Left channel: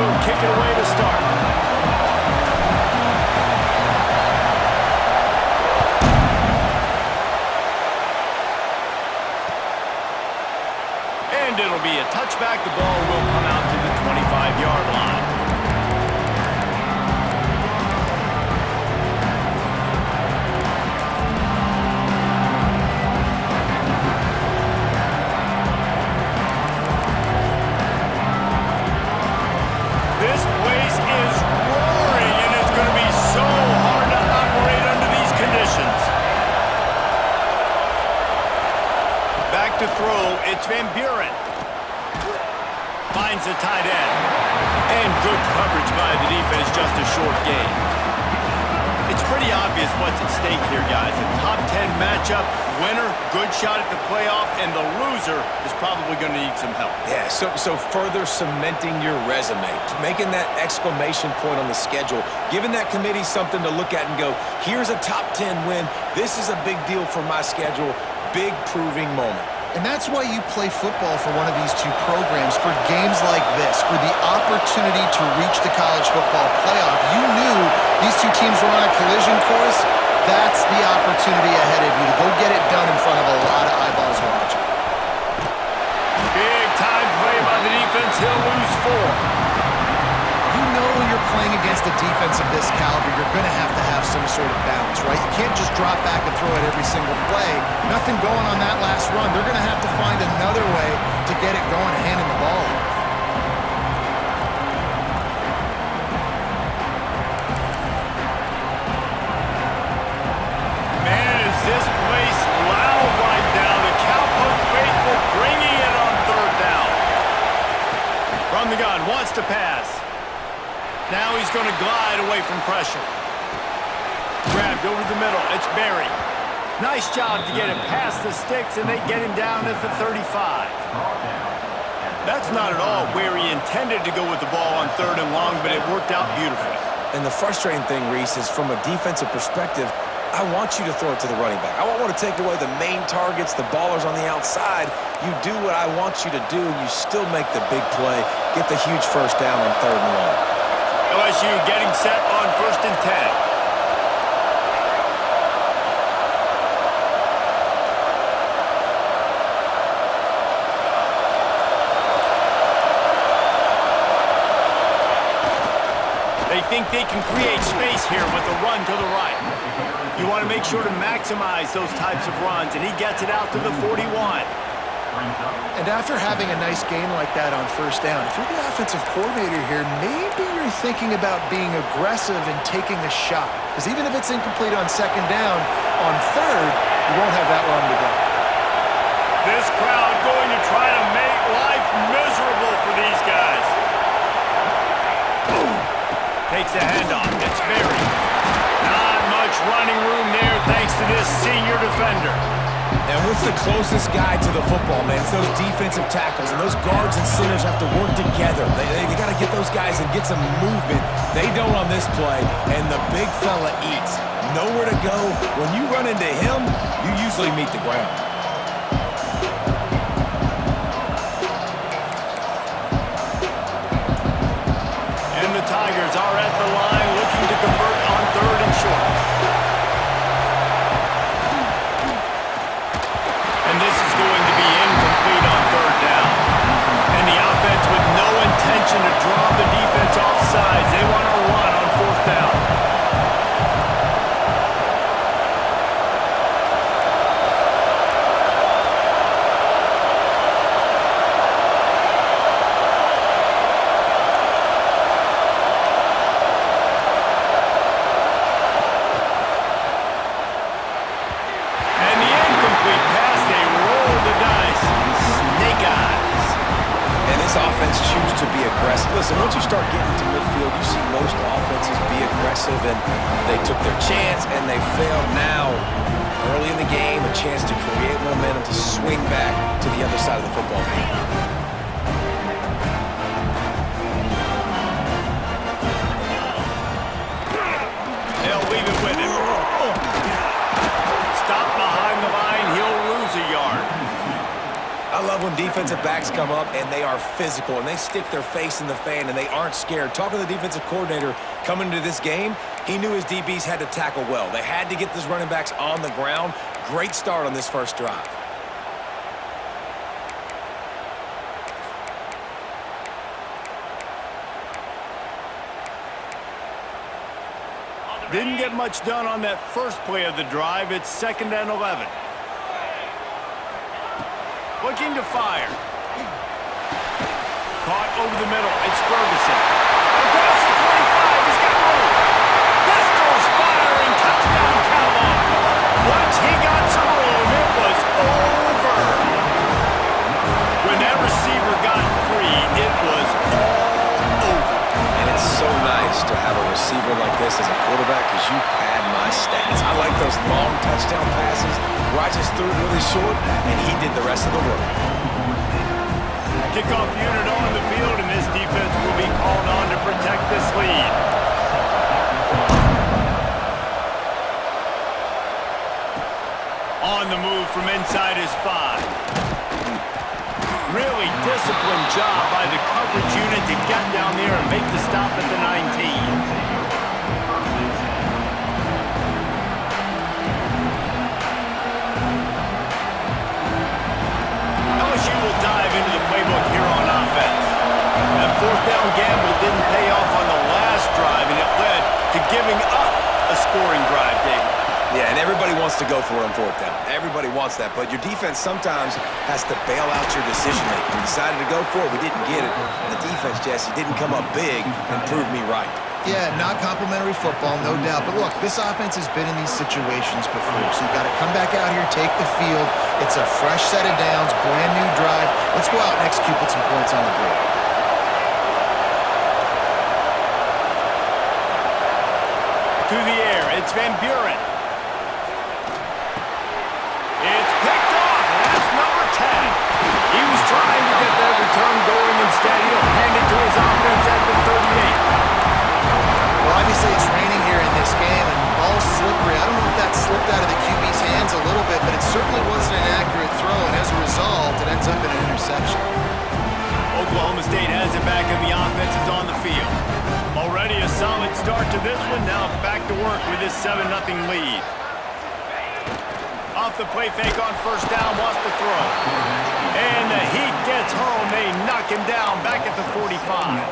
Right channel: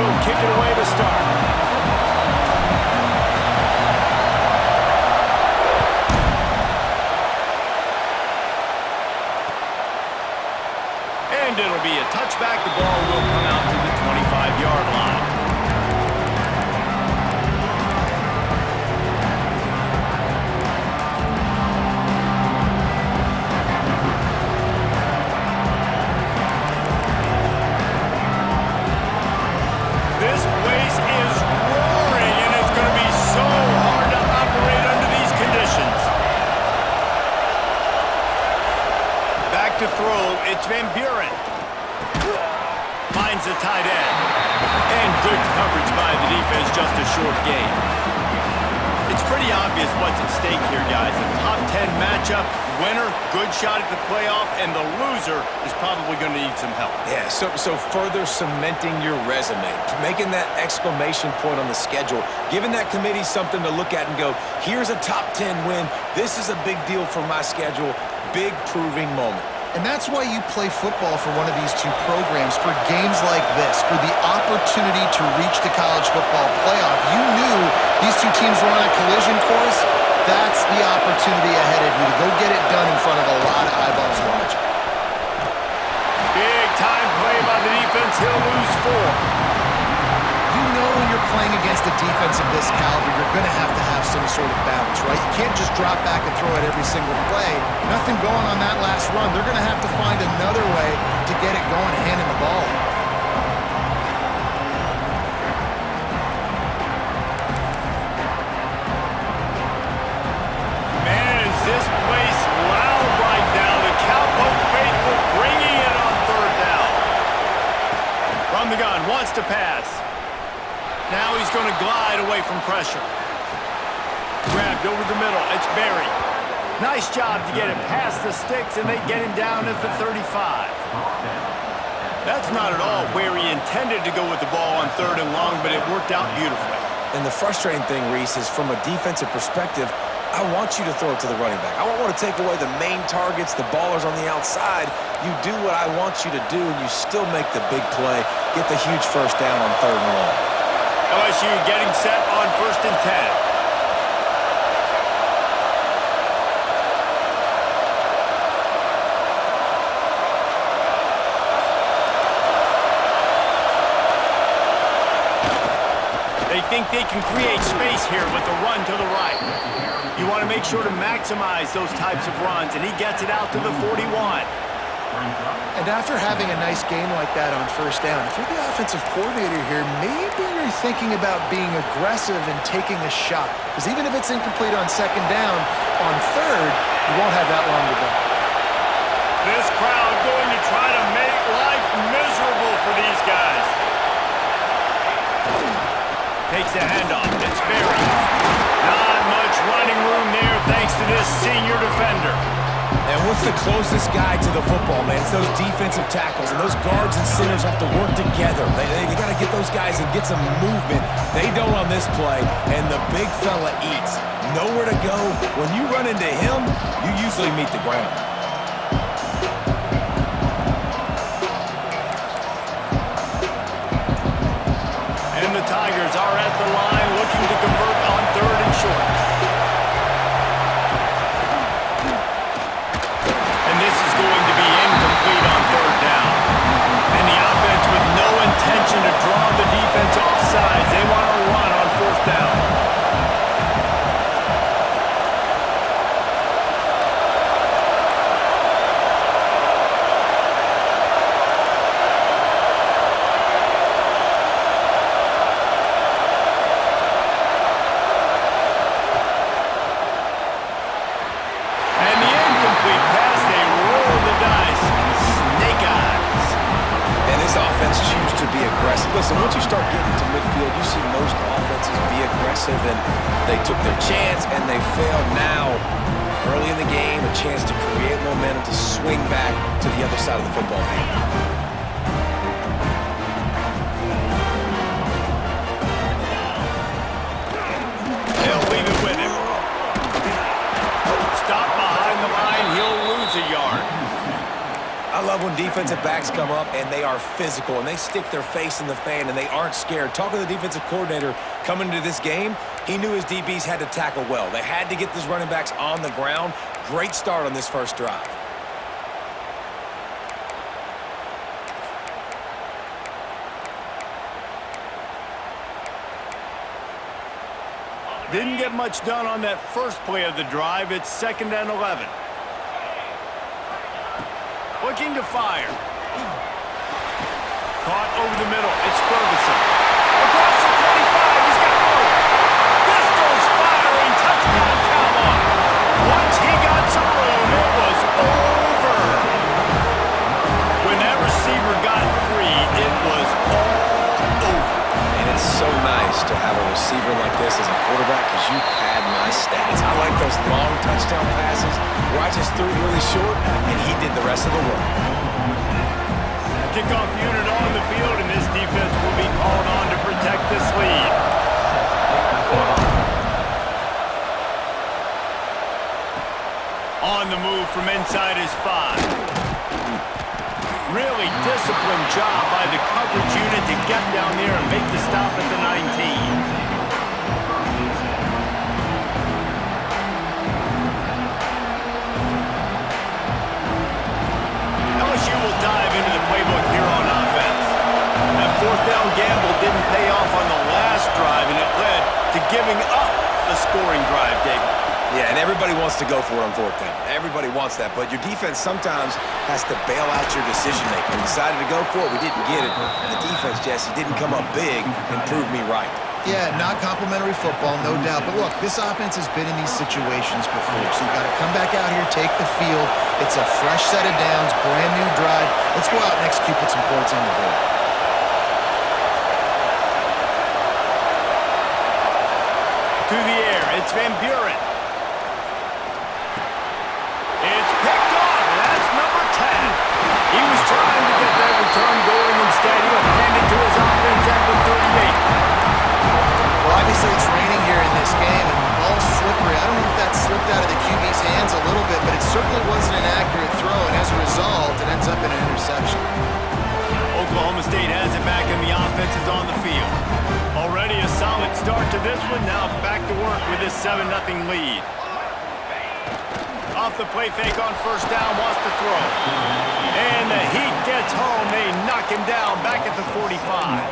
will kick it away to start. And it'll be a touchback. The ball will come out to the 25-yard line. This place is roaring, and it's going to be so hard to operate under these conditions. Back to throw, it's Van Buren. Finds the tight end. And good coverage by the defense, just a short gain. It's pretty obvious what's at stake here, guys. A top 10 matchup, winner, good shot at the playoff, and the loser is probably going to need some help. Yeah, so further cementing your resume, making that exclamation point on the schedule, giving that committee something to look at and go, here's a top 10 win. This is a big deal for my schedule. Big proving moment. And that's why you play football for one of these two programs, for games like this, for the opportunity to reach the college football playoff. You knew these two teams were on a collision course. That's the opportunity ahead of you to go get it done in front of a lot of eyeballs watching. Big time play by the defense. He'll lose 4. You know when you're playing against a defense of this caliber, you're going to have some sort of balance, right? You can't just drop back and throw it every single play. Nothing going on that last run. They're going to have to find another way to get it going, handing the ball off. Man, is this place loud right now. The Cowpoke faithful bringing it on 3rd down. From the gun, wants to pass. Now he's going to glide away from pressure. Grabbed over the middle. It's Berry. Nice job to get it past the sticks, and they get him down at the 35. That's not at all where he intended to go with the ball on 3rd and long, but it worked out beautifully. And the frustrating thing, Reese, is from a defensive perspective, I want you to throw it to the running back. I want to take away the main targets, the ballers on the outside. You do what I want you to do, and you still make the big play, get the huge first down on 3rd and long. LSU getting set on 1st and 10. They think they can create space here with a run to the right. You want to make sure to maximize those types of runs, and he gets it out to the 41. And after having a nice gain like that on 1st down, if you're the offensive coordinator here, maybe you're thinking about being aggressive and taking a shot. Because even if it's incomplete on 2nd down, on 3rd, you won't have that long to go. This crowd going to try to make life miserable for these guys. Takes the handoff. It's Berry. Not much running room there thanks to this senior defender. And what's the closest guy to the football, man? It's those defensive tackles, and those guards and centers have to work together. They got to get those guys and get some movement. They don't on this play, and the big fella eats. Nowhere to go. When you run into him, you usually meet the ground. And the Tigers are at the line looking to convert on 3rd and short. And this is going to be incomplete on 3rd down. And the offense with no intention to draw the defense off sides. They want to run on 4th down. To be aggressive. Listen, once you start getting to midfield, you see most offenses be aggressive, and they took their chance, and they failed. Now, early in the game, a chance to create momentum, to swing back to the other side of the football field. They'll leave it with him. Stop behind the line. He'll lose a yard. I love when defensive backs come up and they are physical and they stick their face in the fan and they aren't scared. Talking to the defensive coordinator coming into this game, he knew his DBs had to tackle well. They had to get these running backs on the ground. Great start on this first drive. Didn't get much done on that first play of the drive. It's 2nd and 11. Looking to fire. Caught over the middle. It's Ferguson. Across the 25. He's got room. Pistols firing. Touchdown Cowboys. Once he got some room, it was over. When that receiver got free, it was all over. And it's so nice to have a receiver like this as a quarterback because you pad my stats. I like those long touchdown passes where I just threw it really short and he did the rest of the work. Kickoff unit on the field, and this defense will be called on to protect this lead. On the move from inside his 5. Really disciplined job by the coverage unit to get down there and make the stop at the 19. LSU will dive into the playbook here on offense. That 4th down gamble didn't pay off on the last drive, and it led to giving up a scoring drive, David. Yeah, and everybody wants to go for it on 4th down. Everybody wants that, but your defense sometimes has to bail out your decision-making. We decided to go for it. We didn't get it. And the defense, Jesse, didn't come up big and prove me right. Yeah, not complimentary football, no doubt. But look, this offense has been in these situations before, so you got to come back out here, take the field. It's a fresh set of downs, brand new drive. Let's go out and execute, put some points on the board. To the air, it's Van Buren. It's picked off, and that's number 10. He was trying to get that return going. Instead, he'll hand it to his offense at the 38. Well, obviously it's raining here in this game, and the ball's slippery. I don't know if that slipped out of the QB's hands a little bit, but it certainly wasn't an accurate throw, and as a result, it ends up in an interception. Oklahoma State has it back, and the offense is on the field. Already a solid start to this one. Now back to work with this 7-0 lead. Off the play fake on 1st down, wants to throw. And the Heat gets home. They knock him down back at the 45.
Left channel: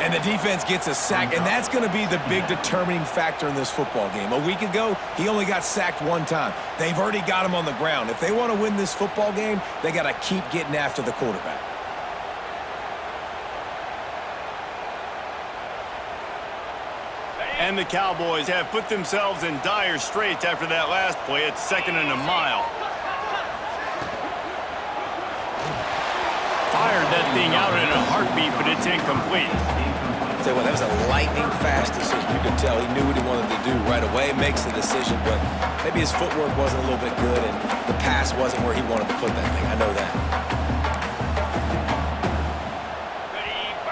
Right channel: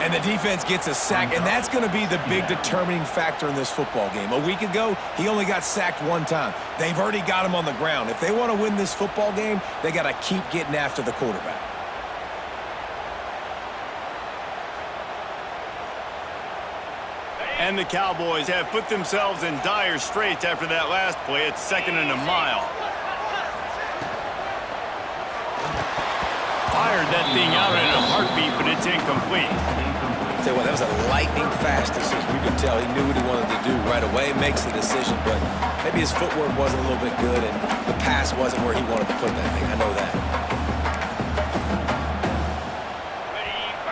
And the defense gets a sack, and that's going to be the big determining factor in this football game. A week ago, he only got sacked 1 time. They've already got him on the ground. If they want to win this football game, they got to keep getting after the quarterback. And the Cowboys have put themselves in dire straits after that last play. It's 2nd and a mile. Fired that thing out in a heartbeat, but it's incomplete. Tell you what, that was a lightning-fast decision. You could tell he knew what he wanted to do right away, makes the decision, but maybe his footwork wasn't a little bit good, and the pass wasn't where he wanted to put that thing. I know that.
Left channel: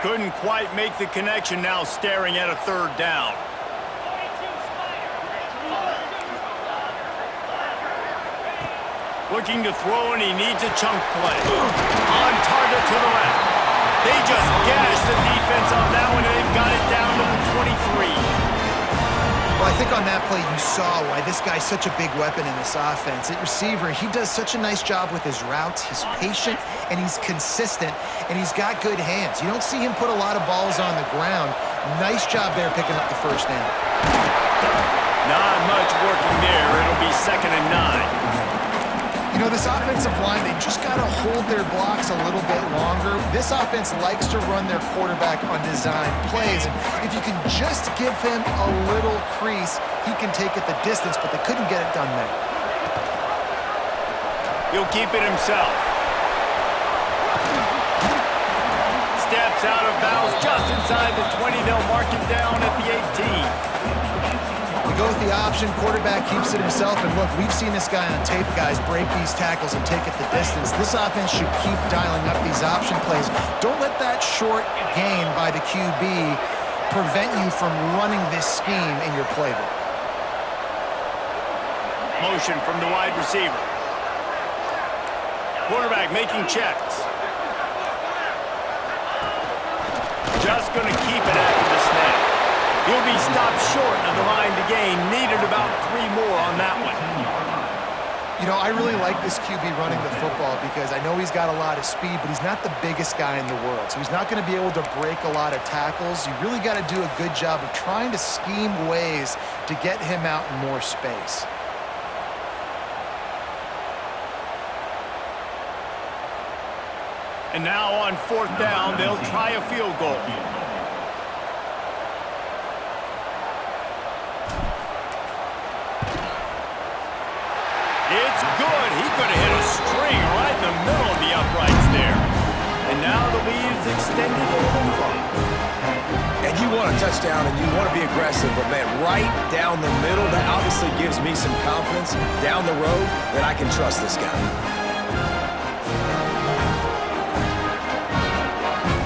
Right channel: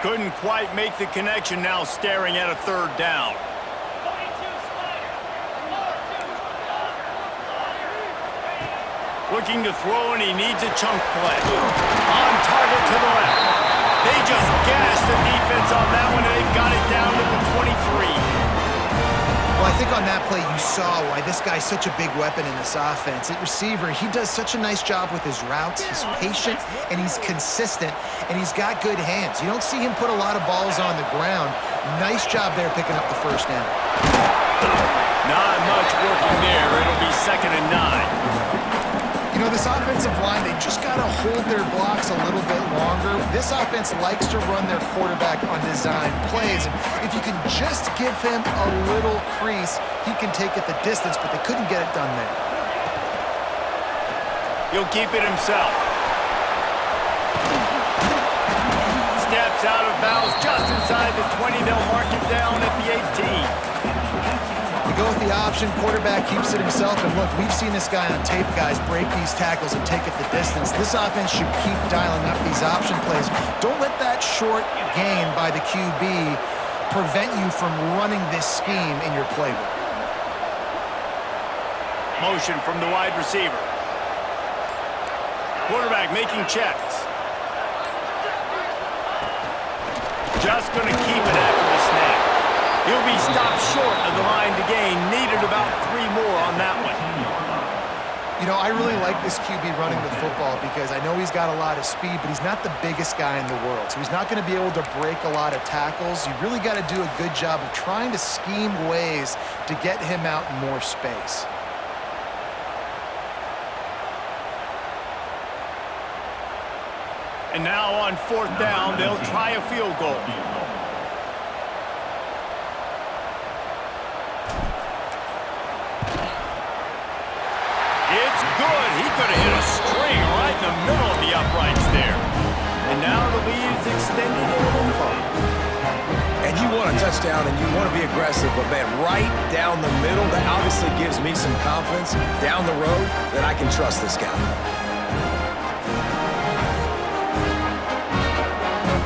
Couldn't quite make the connection, now staring at a 3rd down. Looking to throw, and he needs a chunk play. On target to the left. They just gashed the defense on that one, and they've got it down to the 23. Well, I think on that play you saw why this guy's such a big weapon in this offense. At receiver, he does such a nice job with his routes. He's patient, and he's consistent, and he's got good hands. You don't see him put a lot of balls on the ground. Nice job there picking up the 1st down. Not much working there. It'll be 2nd and 9. You know, this offensive line, they just got to hold their blocks a little bit longer. This offense likes to run their quarterback on design plays. And if you can just give him a little crease, he can take it the distance, but they couldn't get it done there. He'll keep it himself. Steps out of bounds just inside the 20. They'll mark him down at the 18. They go with the option, quarterback keeps it himself, and look, we've seen this guy on tape, guys, break these tackles and take it the distance. This offense should keep dialing up these option plays. Don't let that short gain by the QB prevent you from running this scheme in your playbook. Motion from the wide receiver. Quarterback making checks. Just going to keep it after the snap. He'll be stopped short of the line to gain. Needed about 3 more on that one. You know, I really like this QB running the football because I know he's got a lot of speed, but he's not the biggest guy in the world. So he's not going to be able to break a lot of tackles. You really got to do a good job of trying to scheme ways to get him out in more space. And now on 4th down, they'll try a field goal. It's good. He could have hit a string right in the middle of the uprights there. And now the lead is extended a little further. And you want a touchdown and you want to be aggressive, but man, right down the middle, that obviously gives me some confidence down the road that I can trust this guy.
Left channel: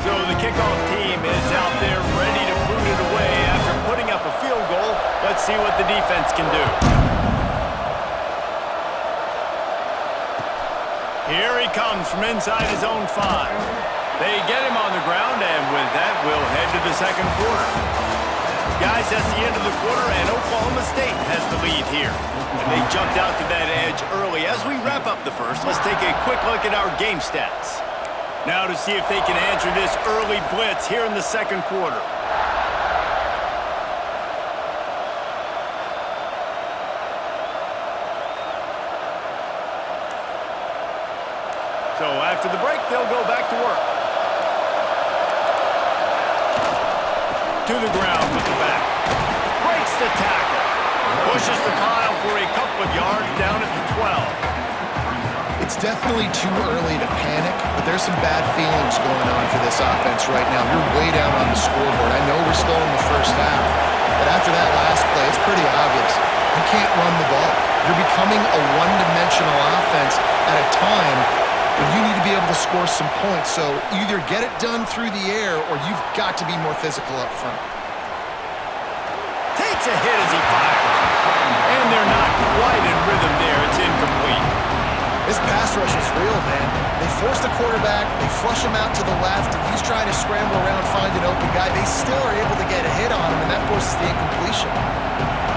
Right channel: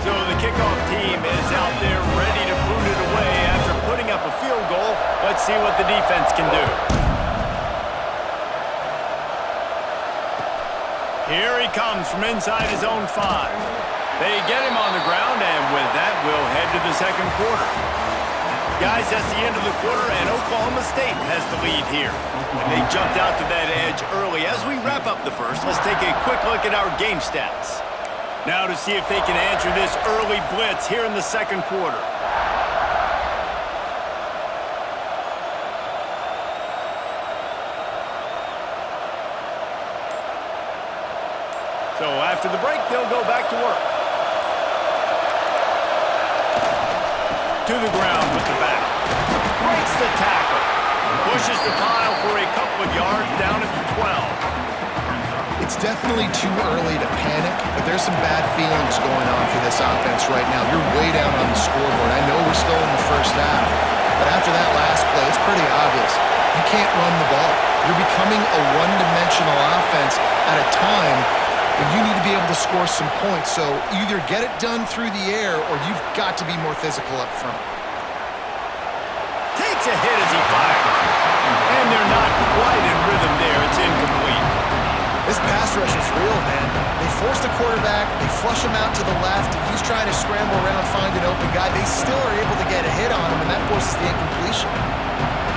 So the kickoff team is out there ready to boot it away after putting up a field goal. Let's see what the defense can do. Here he comes from inside his own 5. They get him on the ground, and with that, we'll head to the second quarter. Guys, that's the end of the quarter, and Oklahoma State has the lead here. And they jumped out to that edge early. As we wrap up the first, let's take a quick look at our game stats. Now to see if they can answer this early blitz here in the second quarter. So after the break, they'll go back to work. To the ground with the back. Breaks the tackle. Pushes the pile for a couple of yards down at the 12. It's definitely too early to panic, but there's some bad feelings going on for this offense right now. You're way down on the scoreboard. I know we're still in the first half, but after that last play, it's pretty obvious. You can't run the ball. You're becoming a one-dimensional offense at a time when you need to be able to score some points. So either get it done through the air or you've got to be more physical up front. Takes a hit as he fires. And they're not quite in rhythm there. It's incomplete. This pass rush is real, man. They force the quarterback, they flush him out to the left, and he's trying to scramble around, find an open guy. They still are able to get a hit on him, and that forces the incompletion.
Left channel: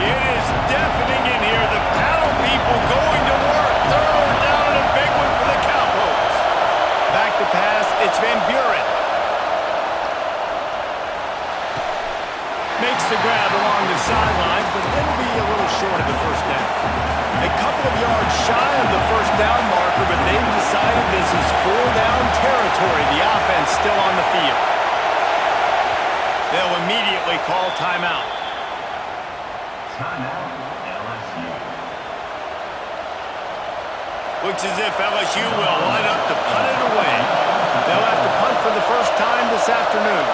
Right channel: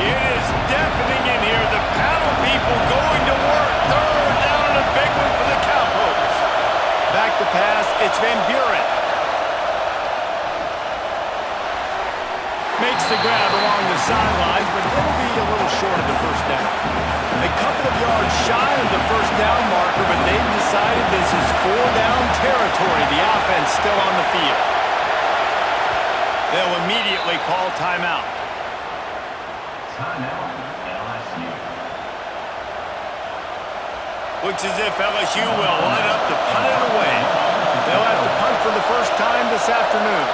It is deafening in here. The paddle people going to work. Third down and a big one for the Cowpokes. Back to pass, it's Van Buren. Makes the grab along the sidelines, but it'll be a little short of the first down. A couple of yards shy of the first down marker, but they've decided this is 4-down territory. The offense still on the field. They'll immediately call timeout. Timeout, LSU. Looks as if LSU will line up to punt it away. They'll have to punt for the first time this afternoon.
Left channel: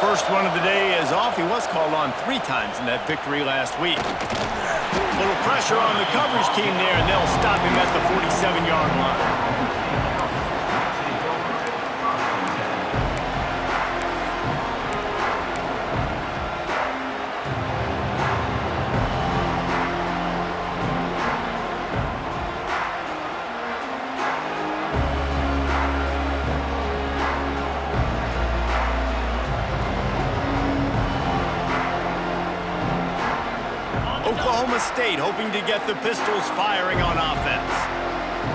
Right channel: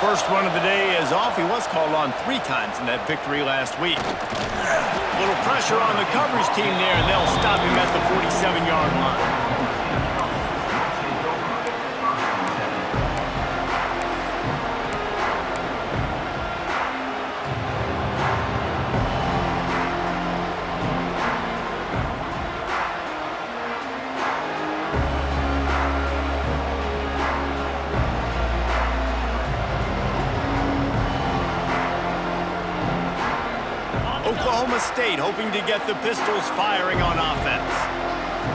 First one of the day is off. He was called on 3 times in that victory last week. Little pressure on the coverage team there, and they'll stop him at the 47-yard line. Oklahoma State hoping to get the Pistols firing on offense.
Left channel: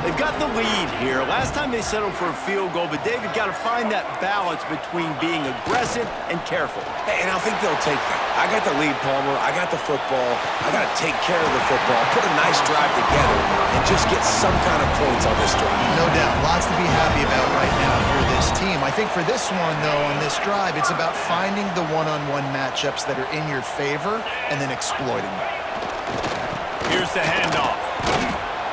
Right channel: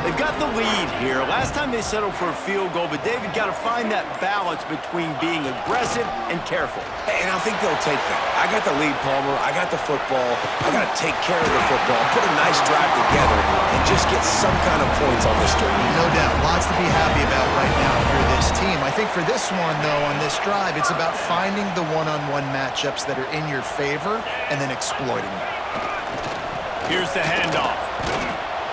They've got the lead here. Last time they settled for a field goal, but David got to find that balance between being aggressive and careful. And I think they'll take that. I got the lead, Palmer. I got the football. I got to take care of the football, put a nice drive together, and just get some kind of points on this drive. No doubt. Lots to be happy about right now if you're this team. I think for this one, though, on this drive, it's about finding the one-on-one matchups that are in your favor and then exploiting them. Here's the handoff.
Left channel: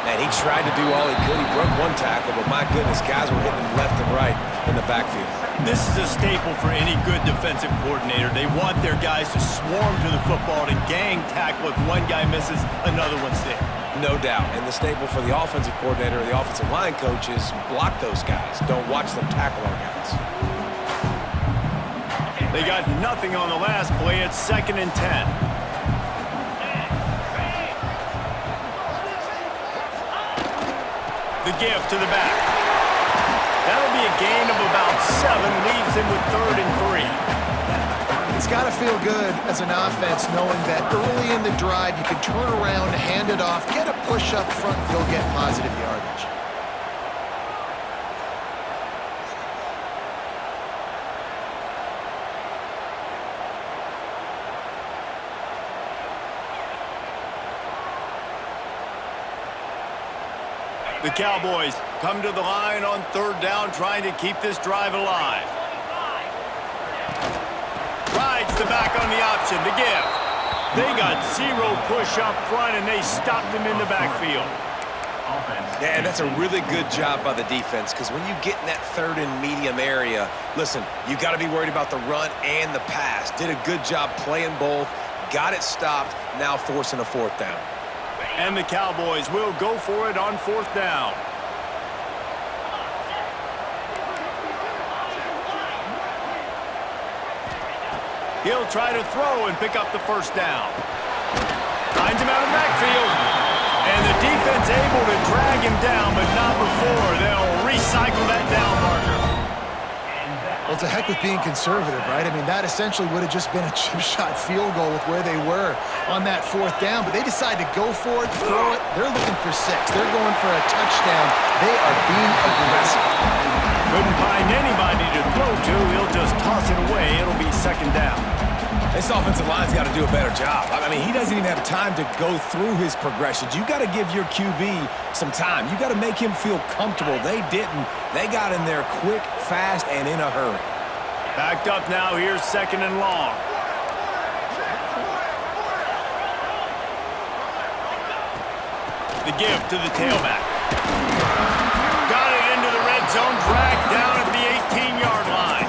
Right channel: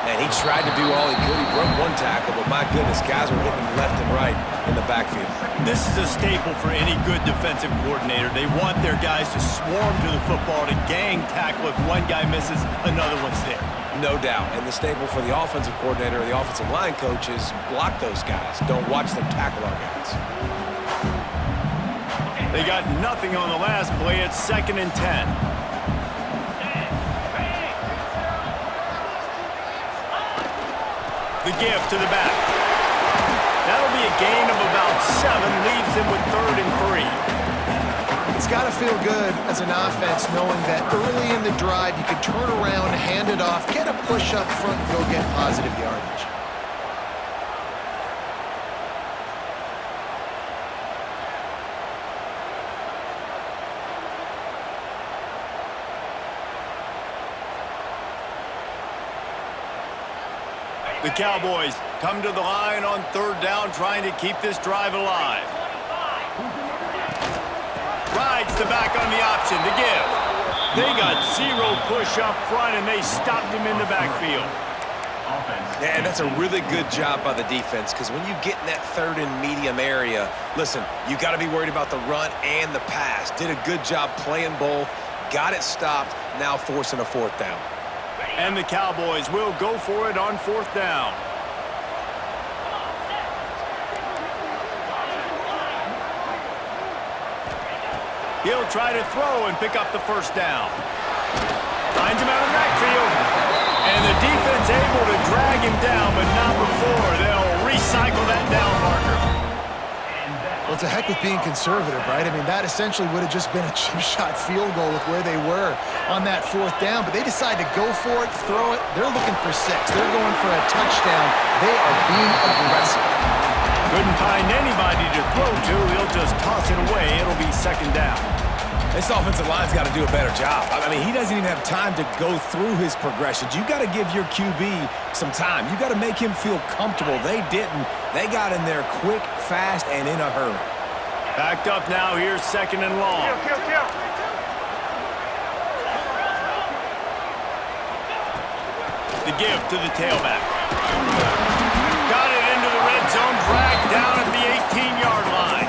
Man, he tried to do all he could. He broke one tackle, but my goodness, guys were hitting him left and right in the backfield. This is a staple for any good defensive coordinator. They want their guys to swarm to the football, to gang tackle. If one guy misses, another one's there. No doubt. And the staple for the offensive coordinator or the offensive line coach is block those guys. Don't watch them tackle our guys. They got nothing on the last play. It's 2nd and 10. The give to the back. That'll be a gain of about 7, leaves him with 3rd and 3. It's got to feel good as an offense knowing that early in the drive you can turn around, hand it off, get a push up front, and go get positive yardage. The Cowboys come to the line on 3rd down, trying to keep this drive alive. Rides the back on the option, the give. They got 0 push up front, and they stopped him in the backfield. Yeah, and that's a really good job by the defense, because when you get in that 3rd and medium area, listen, you got to be worried about the run and the pass. Did a good job playing both, got it stopped, now forcing a 4th down. And the Cowboys will go for it on 4th down. He'll try to throw and pick up the 1st down. Finds him out of the backfield. And the defense able to drag him down, but not before. They'll recycle that down marker. Well, to heck with being conservative, right? I mean, that essentially would have just been a chip shot field goal with where they were on that 4th down, but they decide to go for it, throw it. They're looking for 6. They're going for a touchdown. They are being aggressive. Couldn't find anybody to throw to. He'll just toss it away. It'll be 2nd down. This offensive line's got to do a better job. I mean, he doesn't even have time to go through his progressions. You got to give your QB some time. You got to make him feel comfortable. They didn't. They got in there quick, fast, and in a hurry. Backed up now. Here's 2nd and long. The give to the tailback. Got it into the red zone. Dragged down at the 18-yard line.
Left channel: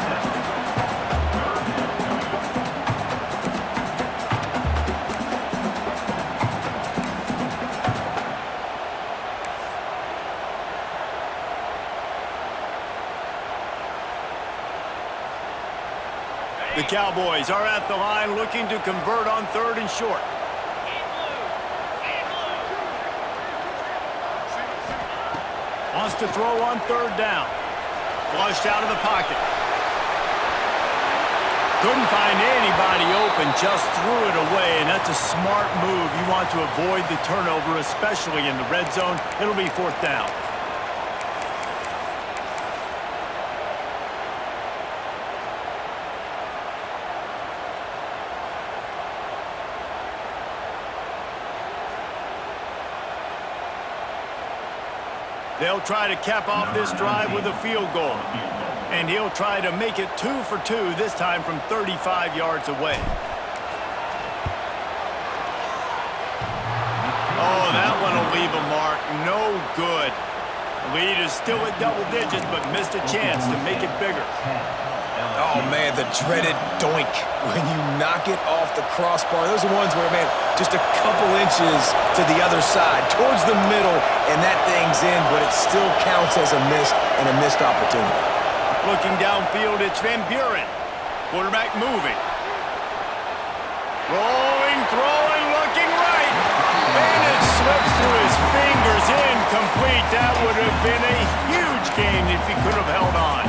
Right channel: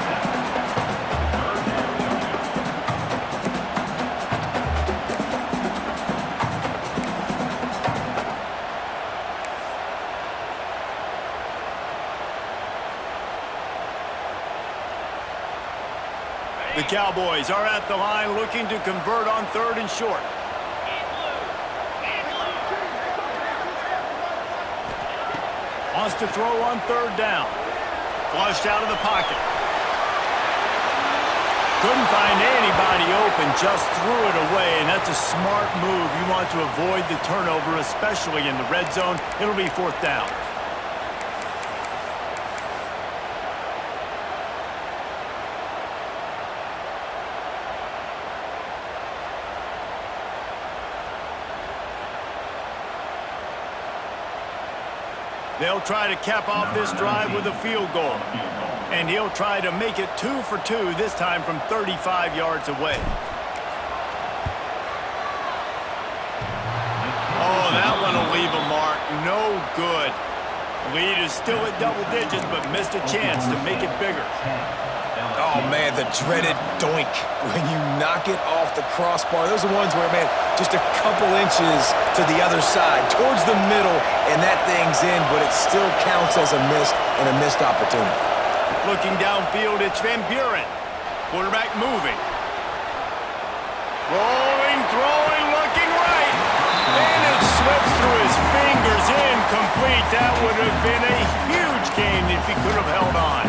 The Cowboys are at the line looking to convert on 3rd and short. Wants to throw on 3rd down. Flushed out of the pocket. Couldn't find anybody open, just threw it away, and that's a smart move. You want to avoid the turnover, especially in the red zone. It'll be 4th down. They'll try to cap off this drive with a field goal. And he'll try to make it 2 for 2, this time from 35 yards away. Oh, that one will leave a mark. No good. The lead is still at double digits, but missed a chance to make it bigger. Oh, man, the dreaded doink when you knock it off the crossbar. Those are ones where, man, just a couple inches to the other side, towards the middle, and that thing's in, but it still counts as a missed opportunity. Looking downfield, it's Van Buren. Quarterback moving. Rolling, throwing, looking right. And it slips through his fingers, incomplete. That would have been a huge gain if he could have held on.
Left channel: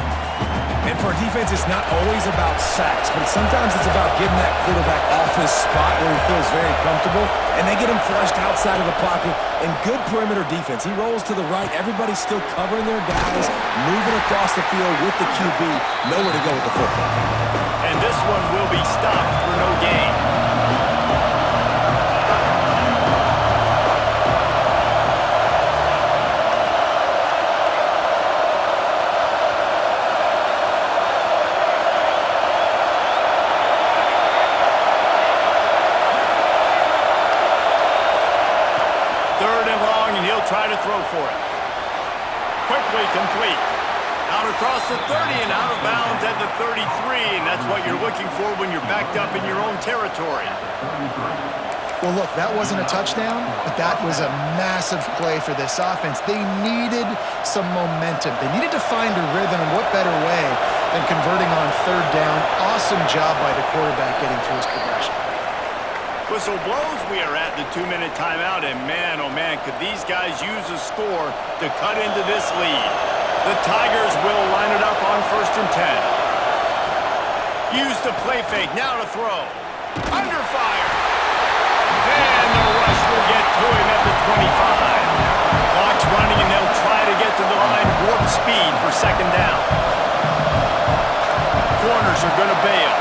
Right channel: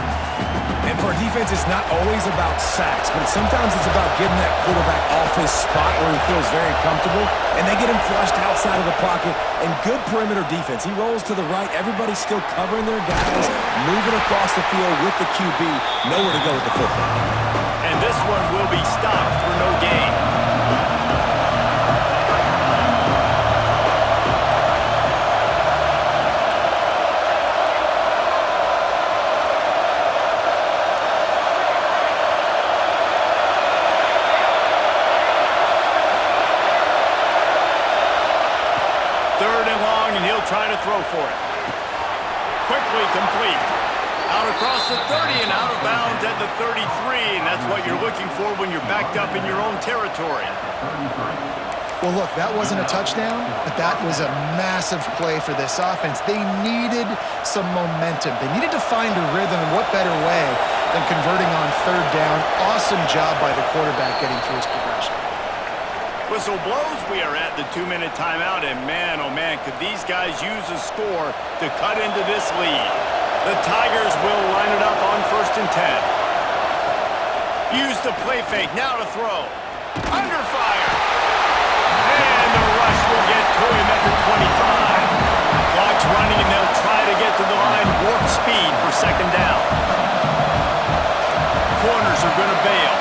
And for a defense, it's not always about sacks, but sometimes it's about getting that quarterback off his spot where he feels very comfortable, and they get him flushed outside of the pocket. And good perimeter defense. He rolls to the right. Everybody's still covering their guys, moving across the field with the QB. Nowhere to go with the football. And this one will be stopped for no gain. Try to throw for it. Quickly complete. Out across the 30 and out of bounds at the 33, and that's what you're looking for when you're backed up in your own territory. Well, look, that wasn't a touchdown, but that was a massive play for this offense. They needed some momentum. They needed to find a rhythm, and what better way than converting on 3rd down. Awesome job by the quarterback getting through his progression. Whistle blows, we are at the 2-minute timeout, and man, oh man, could these guys use a score to cut into this lead. The Tigers will line it up on 1st and 10. Use the play fake, now to throw. Under fire. And the rush will get to him at the 25. Clock's running, and they'll try to get to the line warp speed for 2nd down. Corners are going to bail.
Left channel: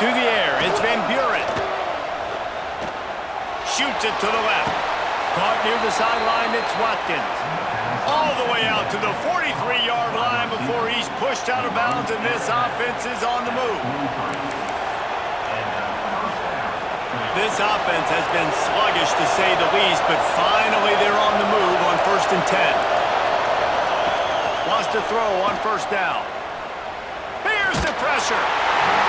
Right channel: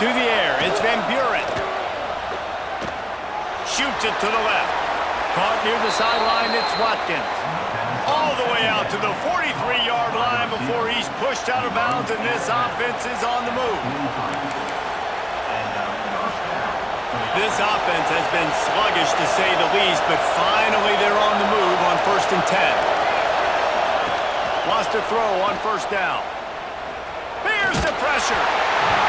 To the air, it's Van Buren. Shoots it to the left. Caught near the sideline, it's Watkins. All the way out to the 43-yard line before he's pushed out of bounds, and this offense is on the move. This offense has been sluggish to say the least, but finally they're on the move on 1st and 10. Wants to throw on 1st down. Bears the pressure.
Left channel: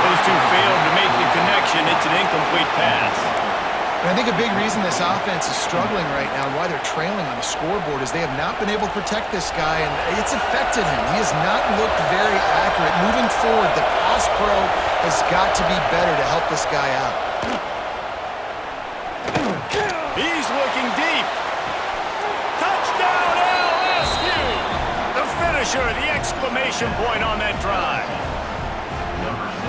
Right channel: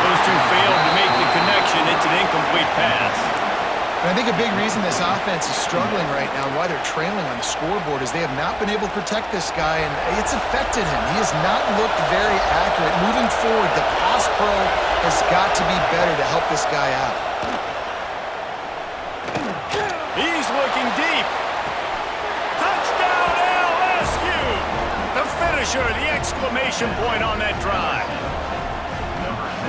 Those two failed to make the connection. It's an incomplete pass. And I think a big reason this offense is struggling right now and why they're trailing on the scoreboard is they have not been able to protect this guy, and it's affected him. He has not looked very accurate. Moving forward, the pass pro has got to be better to help this guy out. He's looking deep. Touchdown, LSU! The finisher, the exclamation point on that drive.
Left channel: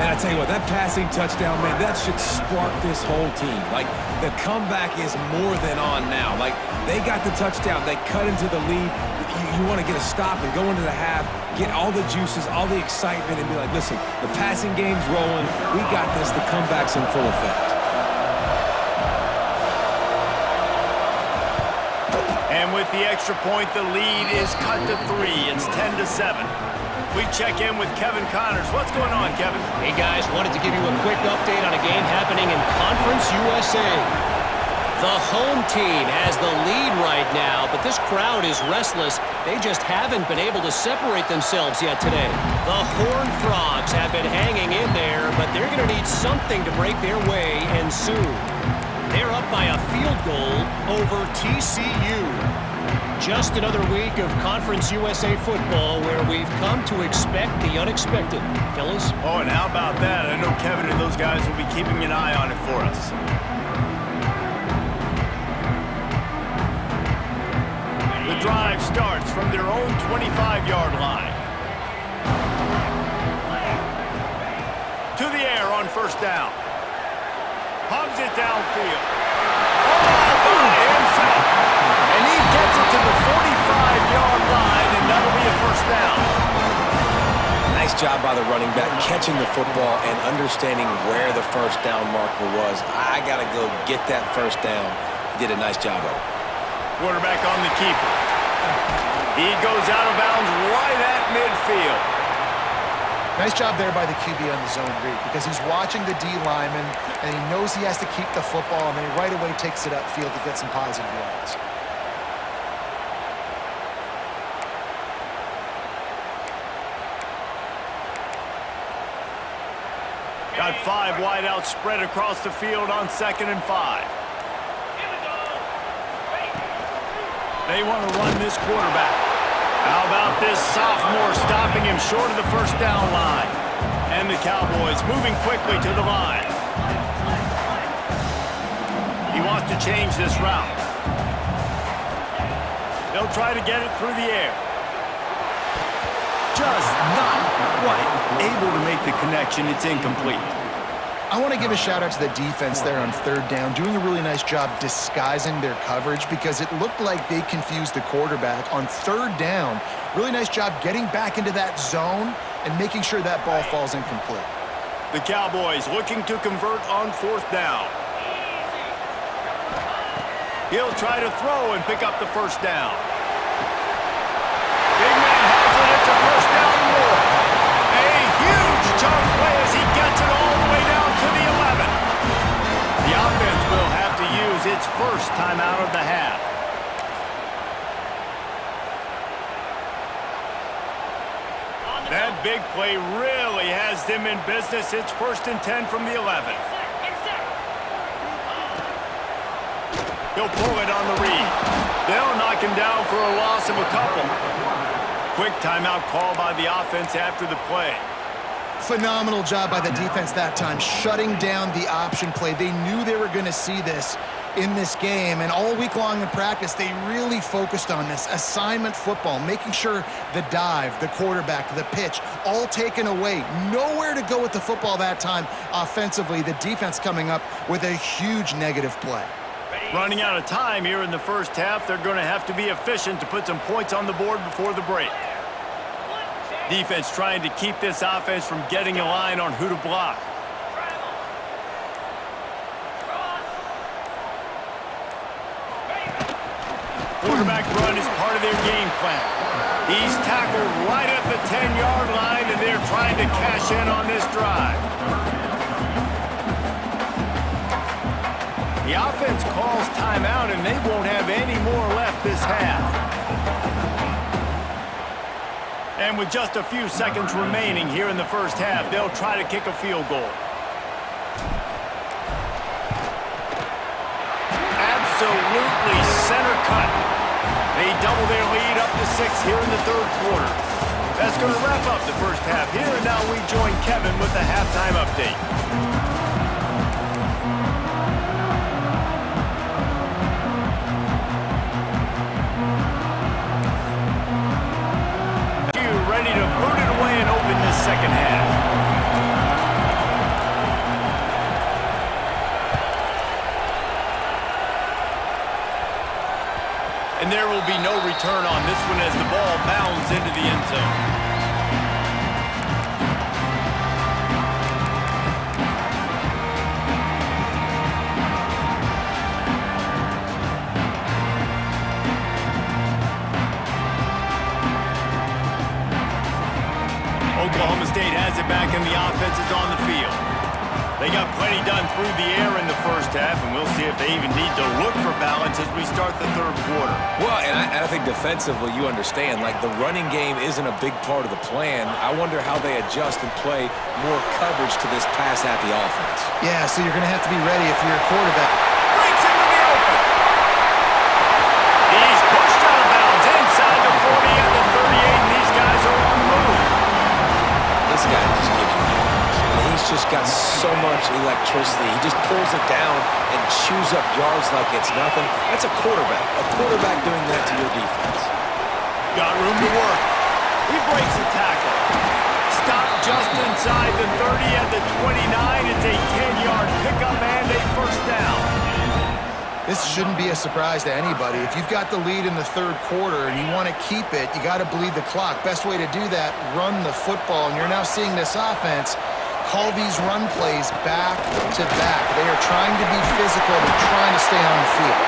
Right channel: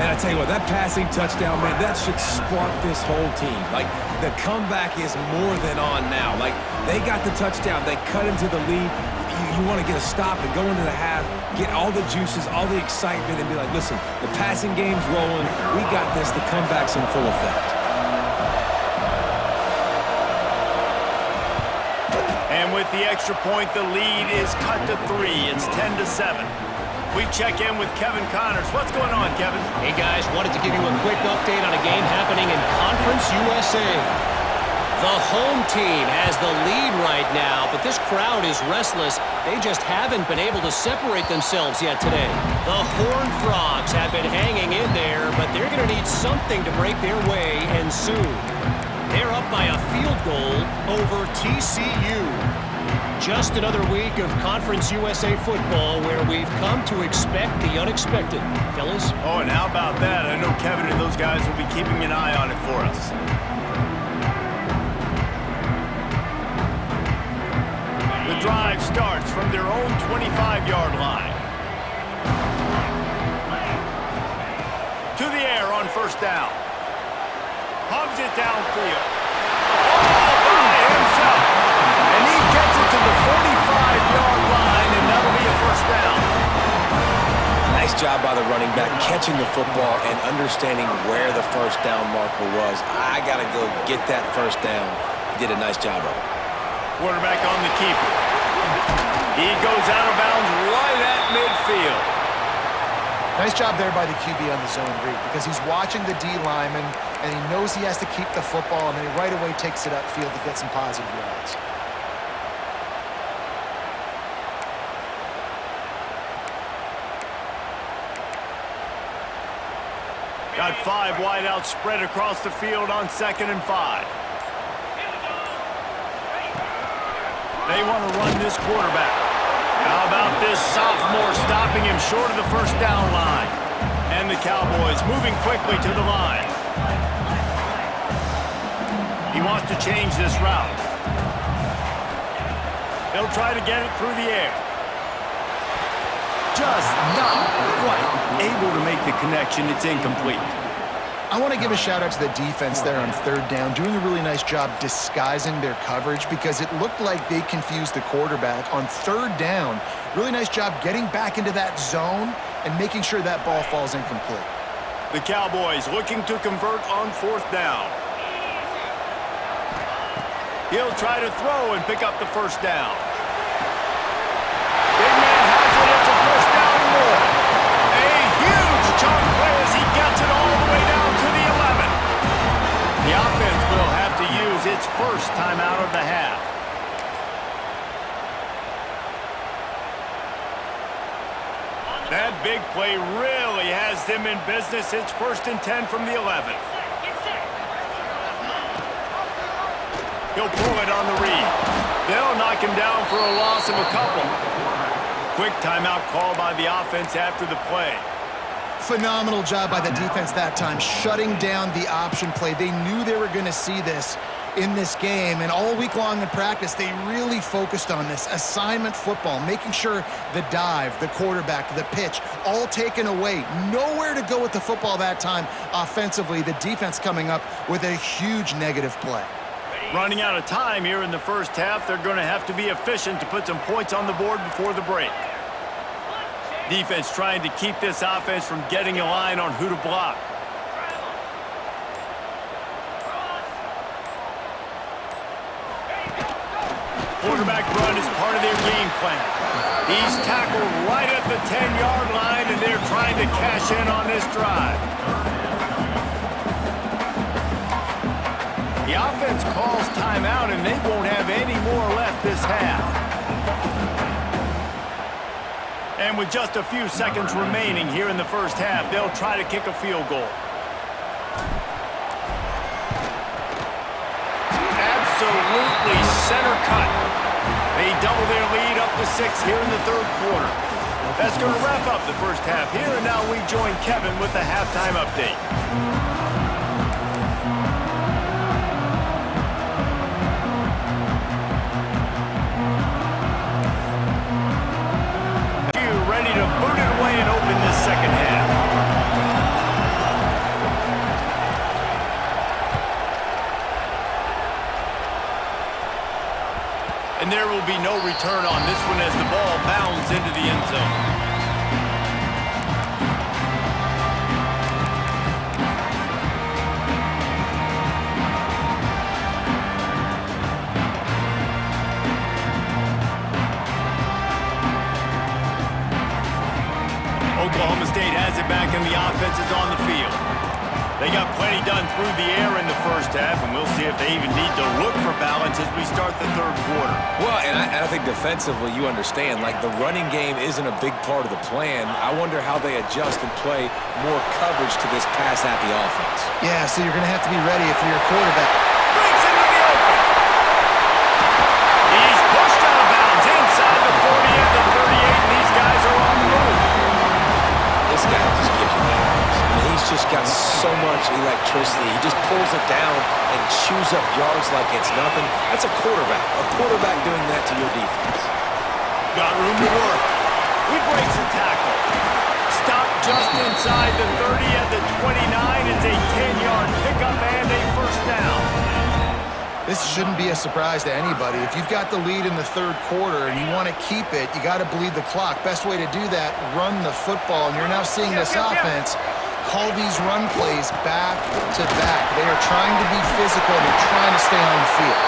Man, I tell you what, that passing touchdown, man, that should spark this whole team. Like, the comeback is more than on now. Like, they got the touchdown. They cut into the lead. You want to get a stop and go into the half, get all the juices, all the excitement, and be like, listen, the passing game's rolling. We got this. The comeback's in full effect. And with the extra point, the lead is cut to 3. It's 10-7. We check in with Kevin Connors. What's going on, Kevin? Hey, guys. Wanted to give you a quick update on a game happening in Conference USA. The home team has the lead right now, but this crowd is restless. They just haven't been able to separate themselves yet today. The Horned Frogs have been hanging in there, but they're going to need something to break their way, and soon. They're up by a field goal over TCU. Just another week of Conference USA football where we've come to expect the unexpected. Fellas? Oh, and how about that? I know Kevin and those guys will be keeping an eye on it for us. The drive starts from their own 25-yard line. To the air on 1st down. Hugs it downfield. All by himself. And he gets it to the 45-yard line, and that'll be a 1st down. Nice job by the running back, catching the football and understanding where the 1st down marker was. I got to go get that 1st down. He did a nice job of it. Quarterback on the keeper. He goes out of bounds right at midfield. Nice job there by the QB on the zone read because he's watching the D lineman, and he knows he has to keep the football, and then he right away takes it upfield to get some positive yards. Got 5 wideouts spread across the field on 2nd and 5. They want to run this quarterback. How about this sophomore stopping him short of the 1st down line? And the Cowboys moving quickly to the line. He wants to change this route. He'll try to get it through the air. Just not quite able to make the connection. It's incomplete. I want to give a shout out to the defense there on 3rd down, doing a really nice job disguising their coverage because it looked like they confused the quarterback on 3rd down. Really nice job getting back into that zone and making sure that ball falls incomplete. The Cowboys looking to convert on 4th down. He'll try to throw and pick up the 1st down. Big man has it. It's a 1st down and more. A huge chunk play as he gets it all the way down to the 11. The offense will have to use its 1st timeout of the half. That big play really has them in business. It's 1st and 10 from the 11. He'll pull it on the read. They'll knock him down for a loss of a couple. Quick timeout call by the offense after the play. Phenomenal job by the defense that time, shutting down the option play. They knew they were going to see this in this game, and all week long in practice, they really focused on this assignment football, making sure the dive, the quarterback, the pitch, all taken away. Nowhere to go with the football that time offensively. The defense coming up with a huge negative play. Running out of time here in the first half, they're going to have to be efficient to put some points on the board before the break. Defense trying to keep this offense from getting a line on who to block. Quarterback run is part of their game plan. He's tackled right at the 10-yard line, and they're trying to cash in on this drive. The offense calls timeout, and they won't have any more left this half. And with just a few seconds remaining here in the first half, they'll try to kick a field goal. Absolutely center cut. They double their lead up to 6 here in the third quarter. That's going to wrap up the first half here, and now we join Kevin with the halftime update. Ready to boot it away and open this second half. And there will be no return on this one as the ball bounds into the end zone. Oklahoma State has it back and the offense is on the field. They got plenty done through the air in the first half, and we'll see if they even need to look for balance as we start the third quarter. Well, and I think defensively you understand, like the running game isn't a big part of the plan. I wonder how they adjust and play more coverage to this pass-happy offense. Yeah, so you're going to have to be ready if you're a quarterback. Breaks into the open. He's pushed out of bounds inside the 40 and the 38, and these guys are on the move. This guy just gives you that. I mean, he's just got so much electricity. He just pulls it down and chews up yards like it's nothing. That's a quarterback. A quarterback doing that to your defense. Got room to work. He breaks a tackle. Stopped just inside the 30 at the 29. It's a 10-yard pickup and a first down. This shouldn't be a surprise to anybody. If you've got the lead in the third quarter and you want to keep it, you got to bleed the clock. Best way to do that, run the football. And you're now seeing this offense call these run plays back to back. They are trying to be physical. They're trying to stay on the field.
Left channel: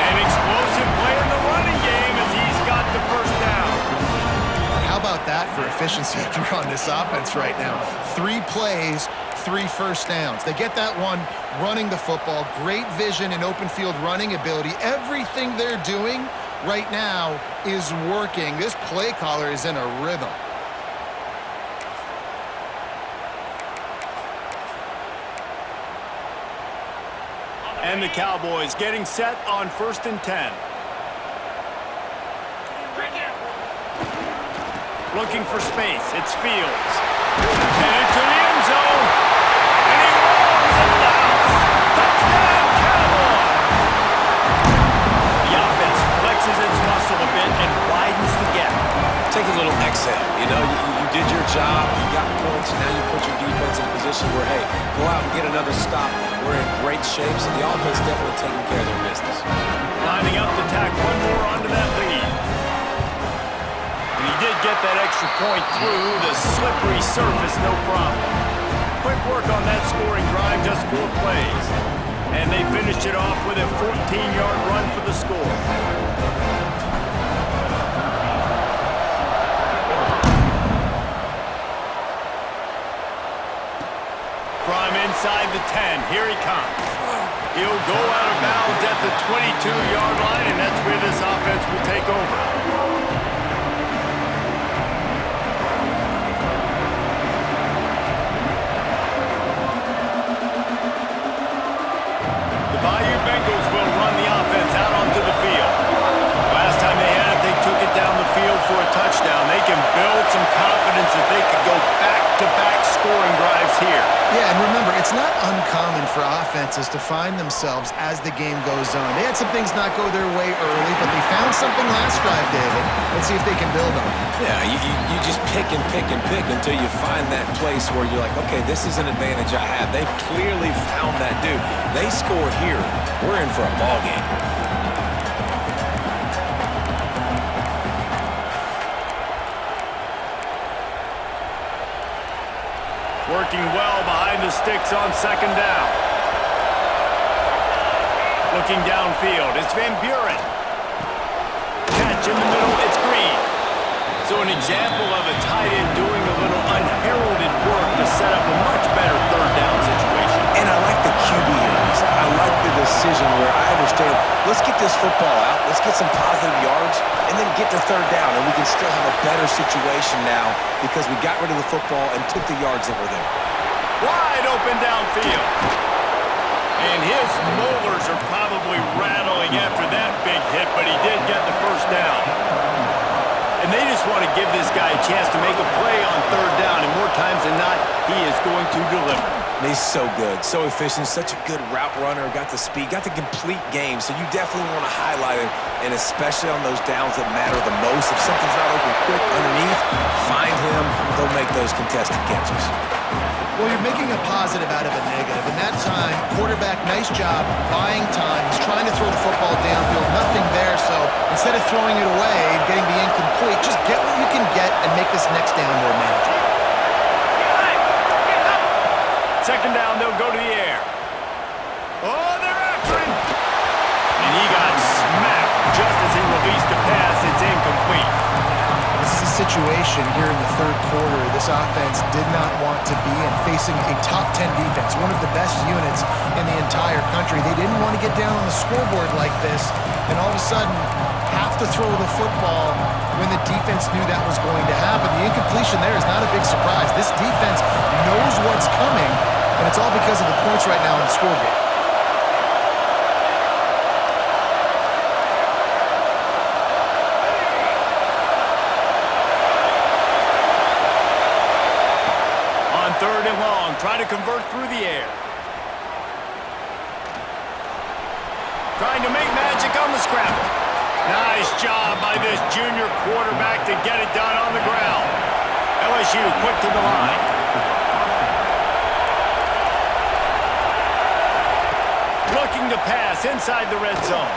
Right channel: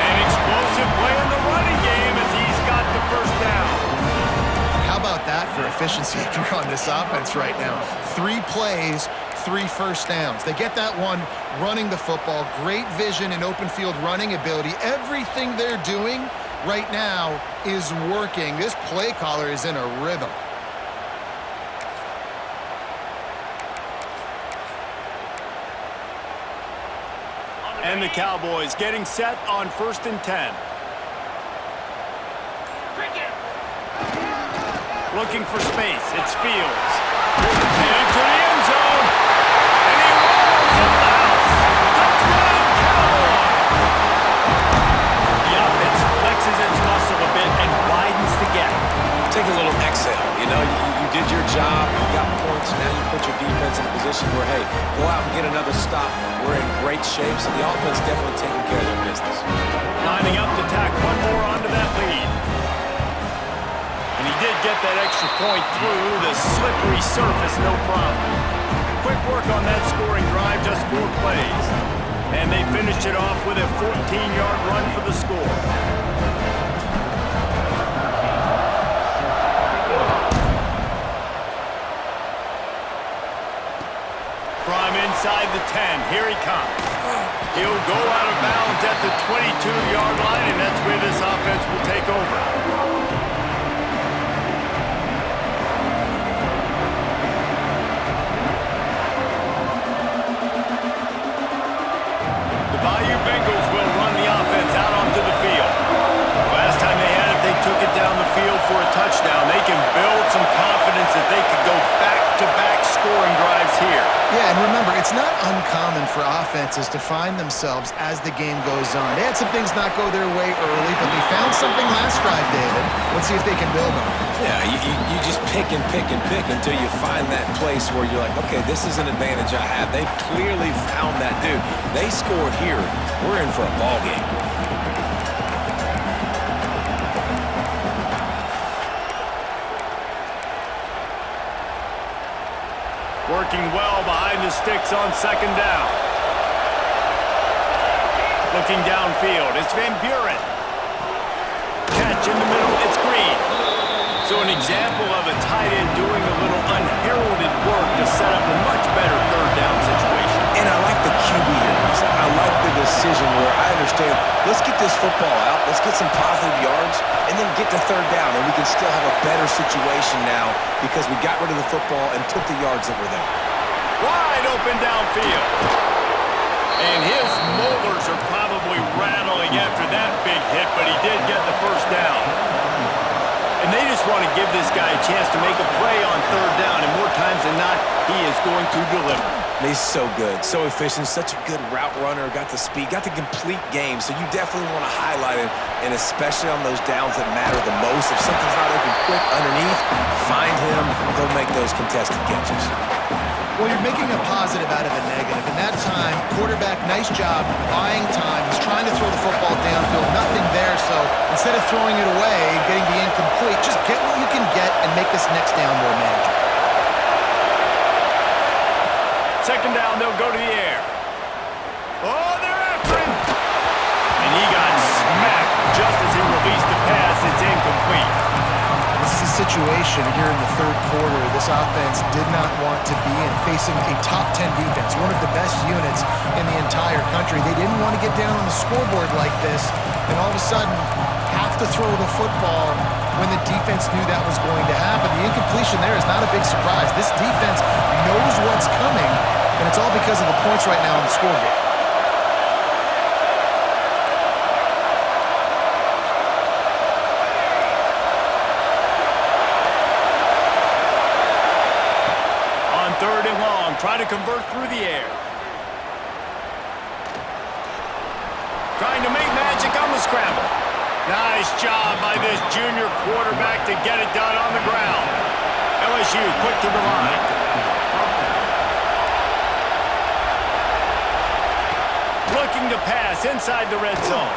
An explosive play in the running game as he's got the first down. How about that for efficiency if you're on this offense right now? 3 plays, 3 first downs. They get that one running the football. Great vision and open field running ability. Everything they're doing right now is working. This play caller is in a rhythm. And the Cowboys getting set on 1st and 10. Looking for space. It's Fields. Headed to the end zone. And he rolls into the house. Touchdown, Cowboys! The offense flexes its muscle a bit and widens the gap. Take a little exhale. You know, you did your job. You got points. Now you put your defense in a position where, hey, go out and get another stop. We're in great shape, so the offense definitely taking care of their business. Lining up to tack one more onto that lead. And he did get that extra point through the slippery surface, no problem. Quick work on that scoring drive, just 4 plays. And they finished it off with a 14-yard run for the score. From inside the 10, here he comes. He'll go out of bounds at the 22-yard line, and that's where this offense will take over. can build some confidence that they could go back-to-back scoring drives here. Yeah, and remember, it's not uncommon for offenses to find themselves as the game goes on. They had some things not go their way early, but they found something last drive, David. Let's see if they can build on it. Yeah, you just pick and pick and pick until you find that place where you're like, okay, this is an advantage I have. They clearly found that dude. They score here. We're in for a ball game. Working well behind the sticks on second down. Looking downfield, it's Van Buren. Catch in the middle, it's Green. So an example of a tight end doing a little unheralded work to set up a much better third down situation. And I like the QB here, Lisa. I like the decision where I understand, let's get this football out, let's get some positive yards, and then get to third down, and we can still have a better situation now because we got rid of the football and took the yards that were there. Wide open downfield. And his molars are probably rattling after that big hit, but he did get the first down. And they just want to give this guy a chance to make a play on third down, and more times than not, he is going to deliver. He's so good, so efficient, such a good route runner, got the speed, got the complete game, so you definitely want to highlight him, and especially on those downs that matter the most. If something's not open quick underneath, find him, he'll make those contested catches. Well, you're making a positive out of a negative. In that time, quarterback, nice job buying time. He's trying to throw the football downfield, nothing there, so instead of throwing it away and getting the incomplete, just get what you can get and make this next down more manageable. Second down, they'll go to the air. Oh, they're after him. And he got smacked just as he released the pass. It's incomplete. This is a situation here in the third quarter this offense did not want to be in, facing a top 10 defense, one of the best units in the entire country. They didn't want to get down on the scoreboard like this, and all of a sudden have to throw the football when the defense knew that was going to happen. The incompletion there is not a big surprise. This defense knows what's coming, and it's all because of the points right now on the scoreboard. On third and long, try to convert through the air. Trying to make magic on the scramble. Nice job by this junior quarterback to get it done on the ground. LSU quick to the line. Looking to pass inside the red zone.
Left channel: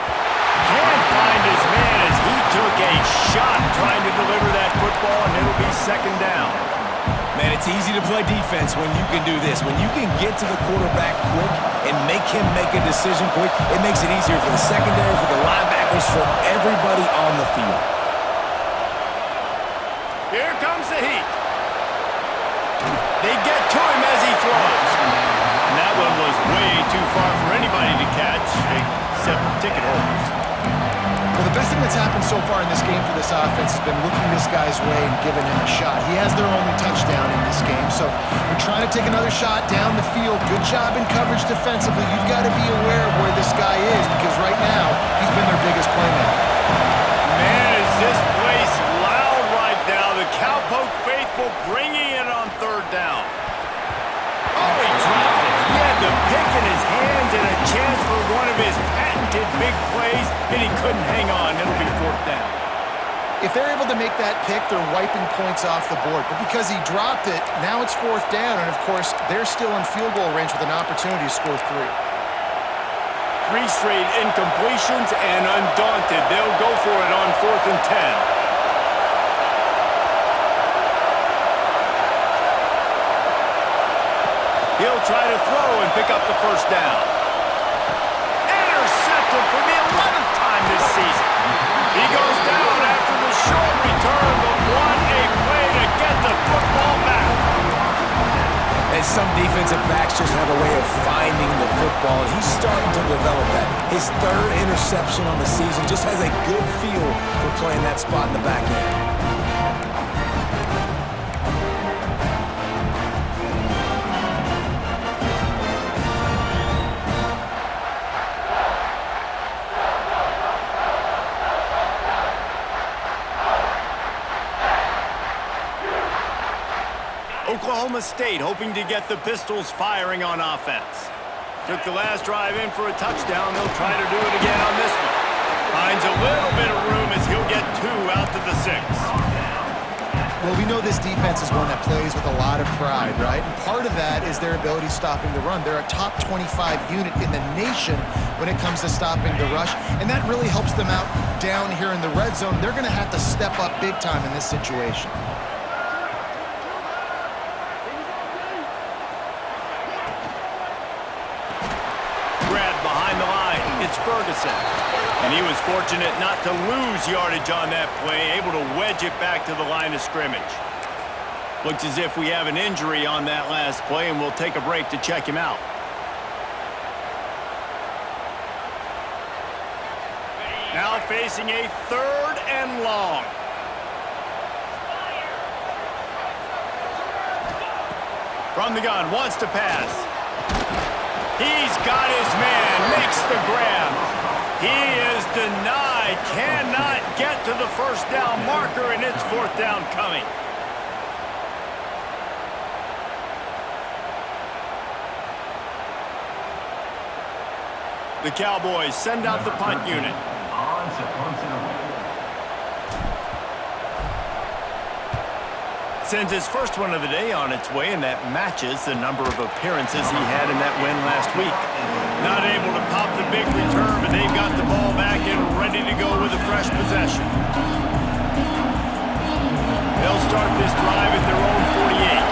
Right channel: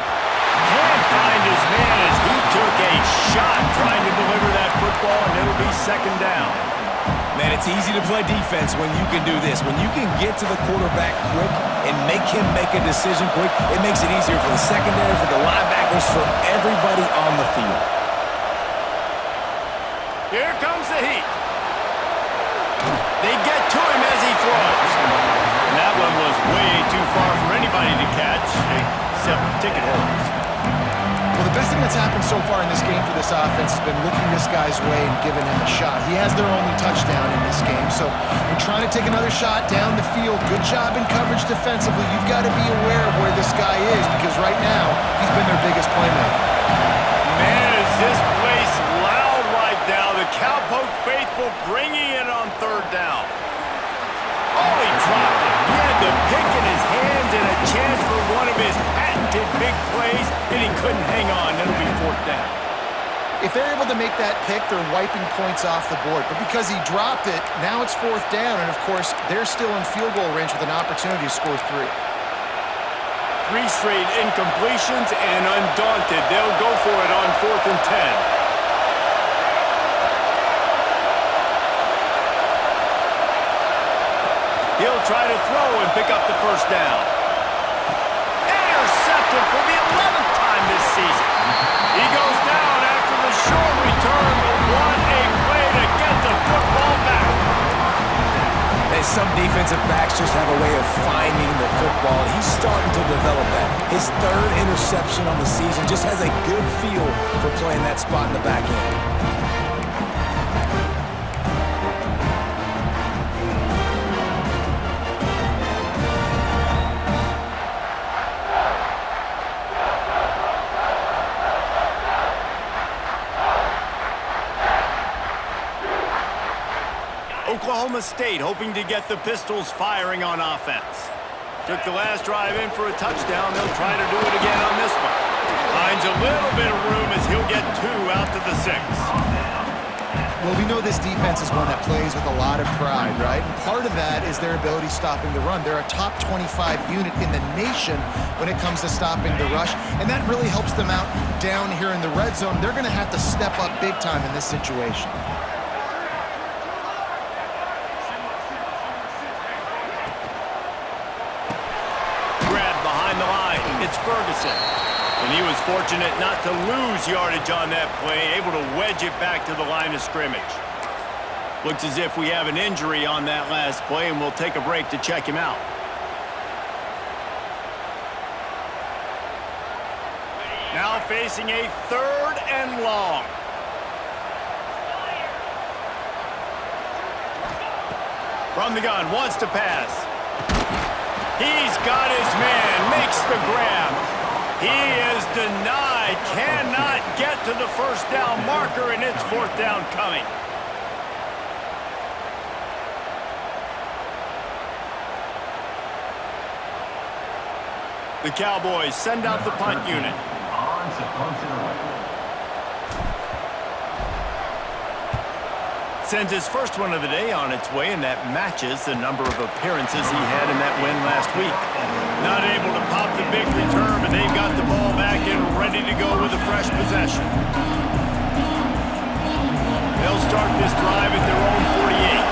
Can't find his man as he took a shot trying to deliver that football, and it'll be second down. Man, it's easy to play defense when you can do this. When you can get to the quarterback quick and make him make a decision quick, it makes it easier for the secondary, for the linebackers, for everybody on the field. Here comes the heat. They get to him as he throws. And that one was way too far for anybody to catch, except ticket holders. Well, the best thing that's happened so far in this game for this offense has been looking this guy's way and giving him a shot. He has their only touchdown in this game, so we're trying to take another shot down the field. Good job in coverage defensively. You've got to be aware of where this guy is because right now he's been their biggest playmaker. Man, is this place loud right now. The Cowpoke faithful bringing it on third down. Oh, he dropped it. He had the pick in his hands and a chance for one of his patented big plays, and he couldn't hang on. It'll be fourth down. If they're able to make that pick, they're wiping points off the board. But because he dropped it, now it's fourth down, and of course, they're still in field goal range with an opportunity to score 3. 3 straight incompletions, and undaunted, they'll go for it on 4th and 10. He'll try to throw and pick up the first down. Intercepted for the 11th time this season. He goes down after the short return, but what a play to get the football back. And some defensive backs just have a way of finding the football, and he's starting to develop that. His 3rd interception on the season just has a good feel for playing that spot in the back end. Oklahoma State hoping to get the Pistols firing on offense. Took the last drive in for a touchdown. They'll try to do it again on this one. Finds a little bit of room as he'll get 2 out to the 6. Well, we know this defense is one that plays with a lot of pride, right? And part of that is their ability stopping the run. They're a top 25 unit in the nation when it comes to stopping the rush, and that really helps them out down here in the red zone. They're going to have to step up big time in this situation. Grabbed behind the line. It's Ferguson. And he was fortunate not to lose yardage on that play, able to wedge it back to the line of scrimmage. Looks as if we have an injury on that last play, and we'll take a break to check him out. Now facing a 3rd and long. From the gun, wants to pass. He's got his man, makes the grab. He is denied, cannot get to the first down marker, and it's 4th down coming. The Cowboys send out the punt unit. On to punt it away. Sends his first one of the day on its way, and that matches the number of appearances he had in that win last week. Not able to pop the big return, but they've got the ball back and ready to go with a fresh possession. They'll start this drive at their own 48.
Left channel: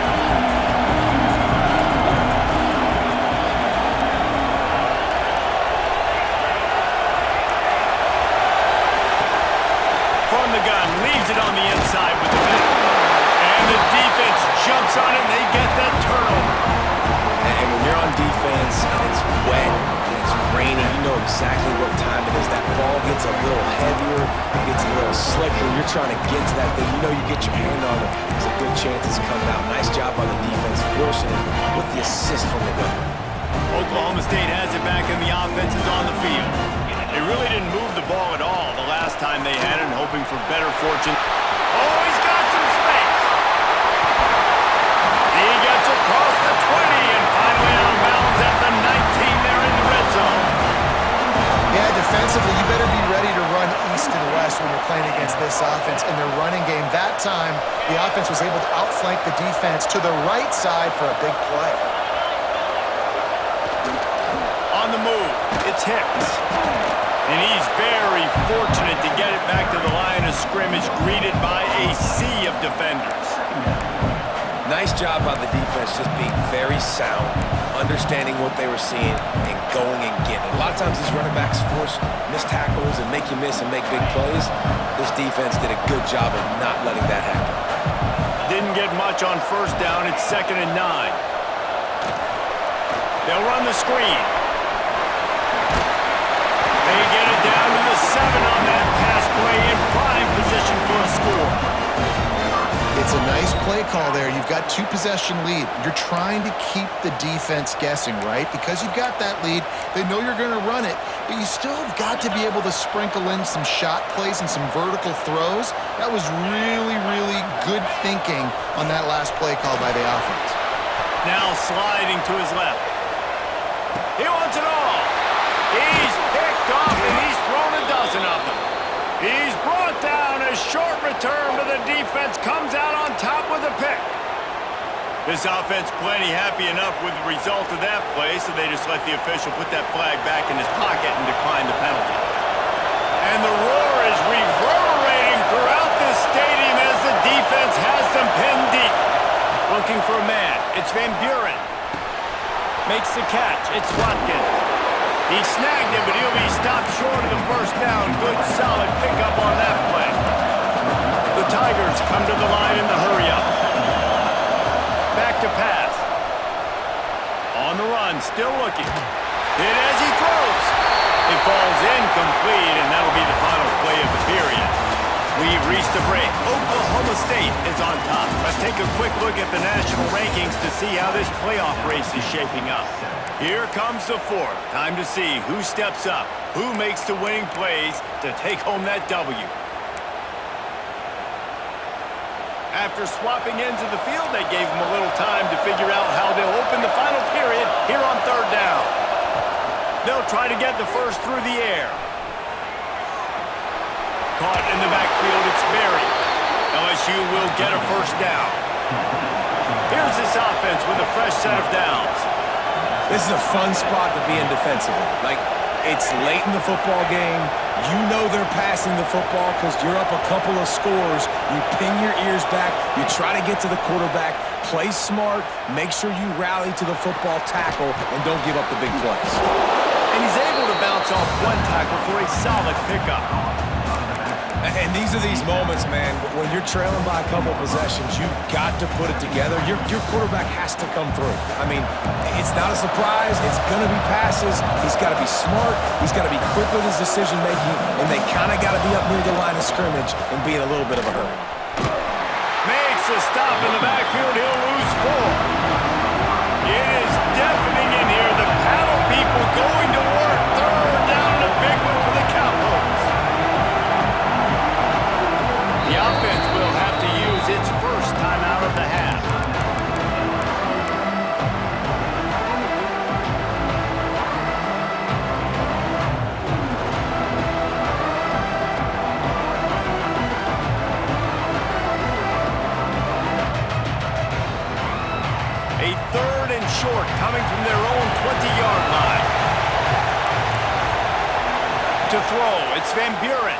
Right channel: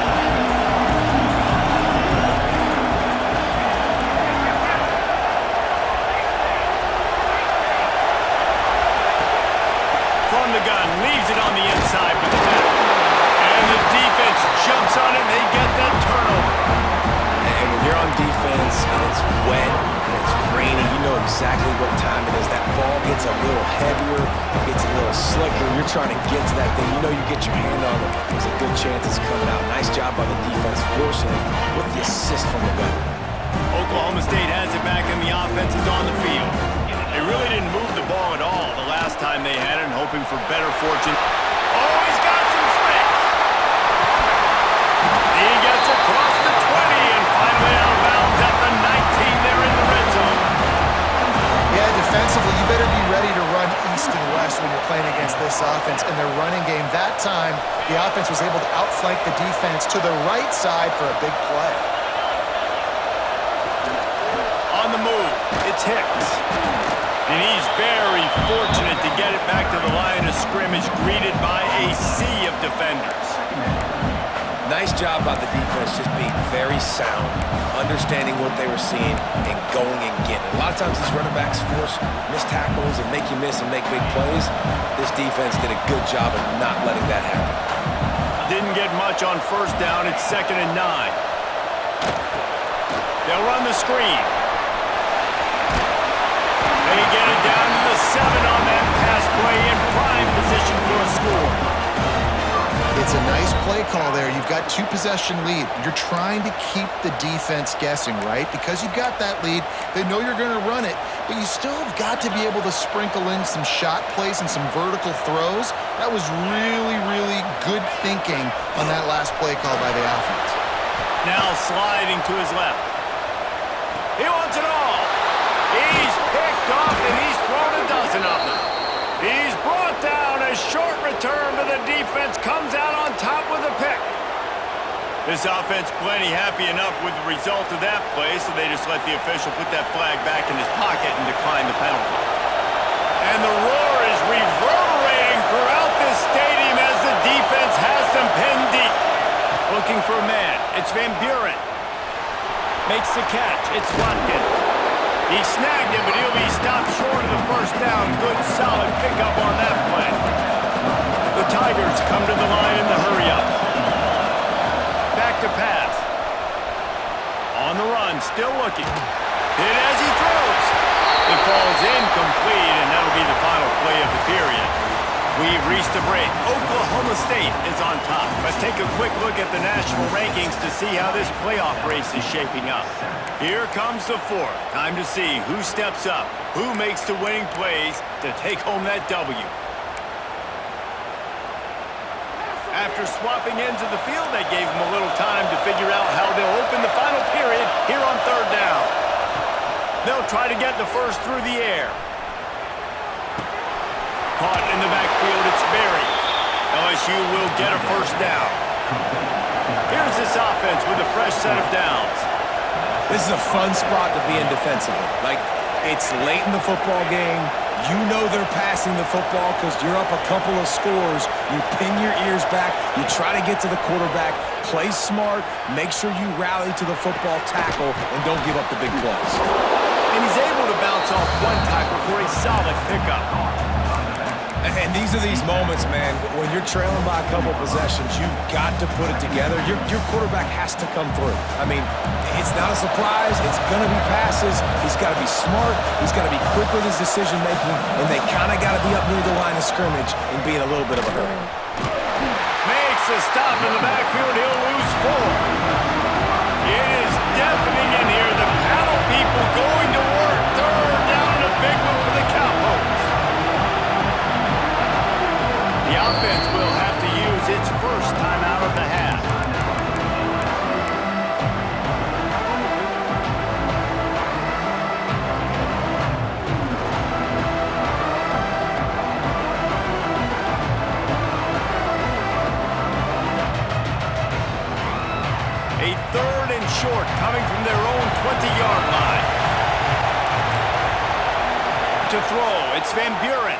From the gun, leaves it on the inside with the back. And the defense jumps on it, and they get that turnover. And when you're on defense and it's wet and it's rainy, you know exactly what time it is. That ball gets a little heavier, it gets a little slicker. You're trying to get to that thing. You know you get your hand on it. There's a good chance it's coming out. Nice job by the defense forcing it with the assist from the weather. Oklahoma State has it back, and the offense is on the field. They really didn't move the ball at all the last time they had it, hoping for better fortune. Oh, he's got some space. He gets across the 20 and finally out of bounds at the 19 there in the red zone. Yeah, defensively, you better be ready to run east and west when you're playing against this offense and their running game. That time, the offense was able to outflank the defense to the right side for a big play. On the move, it's Hicks. And he's very fortunate to get it back to the line of scrimmage, greeted by a sea of defenders. Nice job by the defense, just being very sound, understanding what they were seeing, and going and getting it. A lot of times these running backs force missed tackles and make you miss and make big plays. This defense did a good job of not letting that happen. Didn't get much on first down. It's 2nd and 9. They'll run the screen. They get it down to the 7 on that pass play, in prime position for a score. It's a nice play call there. You've got 2-possession lead. You're trying to keep the defense guessing, right? Because you've got that lead, they know you're going to run it, but you still have got to be able to sprinkle in some shot plays and some vertical throws. That was really, really good thinking on that last play call by the offense. Now sliding to his left. He wants it all. He's picked off, and he's thrown a dozen of them. He's brought down. A short return, but the defense comes out on top with a pick. This offense plenty happy enough with the result of that play, so they just let the official put that flag back in his pocket and decline the penalty. And the roar is reverberating throughout this stadium as the defense has them pinned deep. Looking for a man. It's Van Buren. Makes the catch. It's Watkins. He snagged it, but he'll be stopped short of the first down. Good, solid pickup on that play. The Tigers come to the line in the hurry-up. Back to pass. On the run, still looking. Hit as he throws. It falls incomplete, and that'll be the final play of the period. We've reached the break. Oklahoma State is on top. Let's take a quick look at the national rankings to see how this playoff race is shaping up. Here comes the fourth. Time to see who steps up, who makes the winning plays to take home that W. After swapping ends of the field, they gave him a little time to figure out how they'll open the final period here on third down. They'll try to get the first through the air. Caught in the backfield, it's Berry. LSU will get a first down. Here's this offense with a fresh set of downs. This is a fun spot to be in defensively. Like, it's late in the football game. You know they're passing the football because you're up a couple of scores. You pin your ears back. You try to get to the quarterback. Play smart. Make sure you rally to the football tackle and don't give up the big plays. And he's able to bounce off one tackle for a solid pickup. And these are these moments, man, when you're trailing by a couple possessions, you've got to put it together. Your quarterback has to come through. I mean, it's not a surprise. It's going to be passes. He's got to be smart. He's got to be quick with his decision-making, and they kind of got to be up near the line of scrimmage and be in a little bit of a hurry. Makes a stop in the backfield. He'll lose 4. It is deafening in here. The paddle people going to work. Third down and a big one for the Cowpokes. The offense will have to use its first time out of the half. A third and short coming from their own 20-yard line. To throw, it's Van Buren.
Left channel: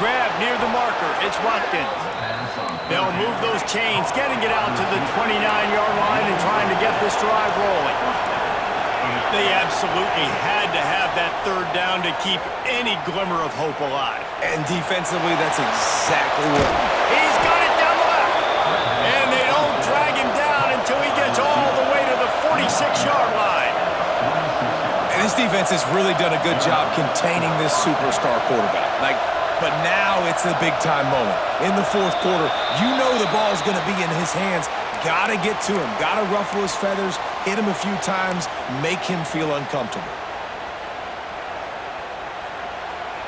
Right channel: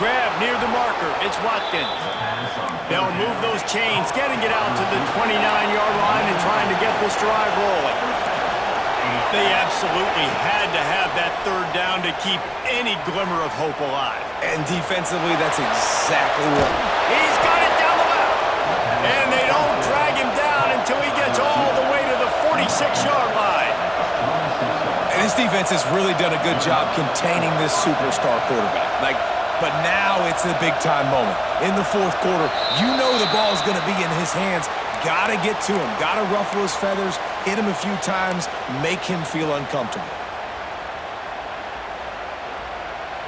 Grab near the marker, it's Watkins. They'll move those chains, getting it out to the 29-yard line and trying to get this drive rolling. They absolutely had to have that third down to keep any glimmer of hope alive. And defensively, that's exactly what. He's got it down the left. And they don't drag him down until he gets all the way to the 46-yard line. And this defense has really done a good job containing this superstar quarterback. But now it's a big-time moment. In the fourth quarter, you know the ball's going to be in his hands. Got to get to him. Got to ruffle his feathers, hit him a few times, make him feel uncomfortable.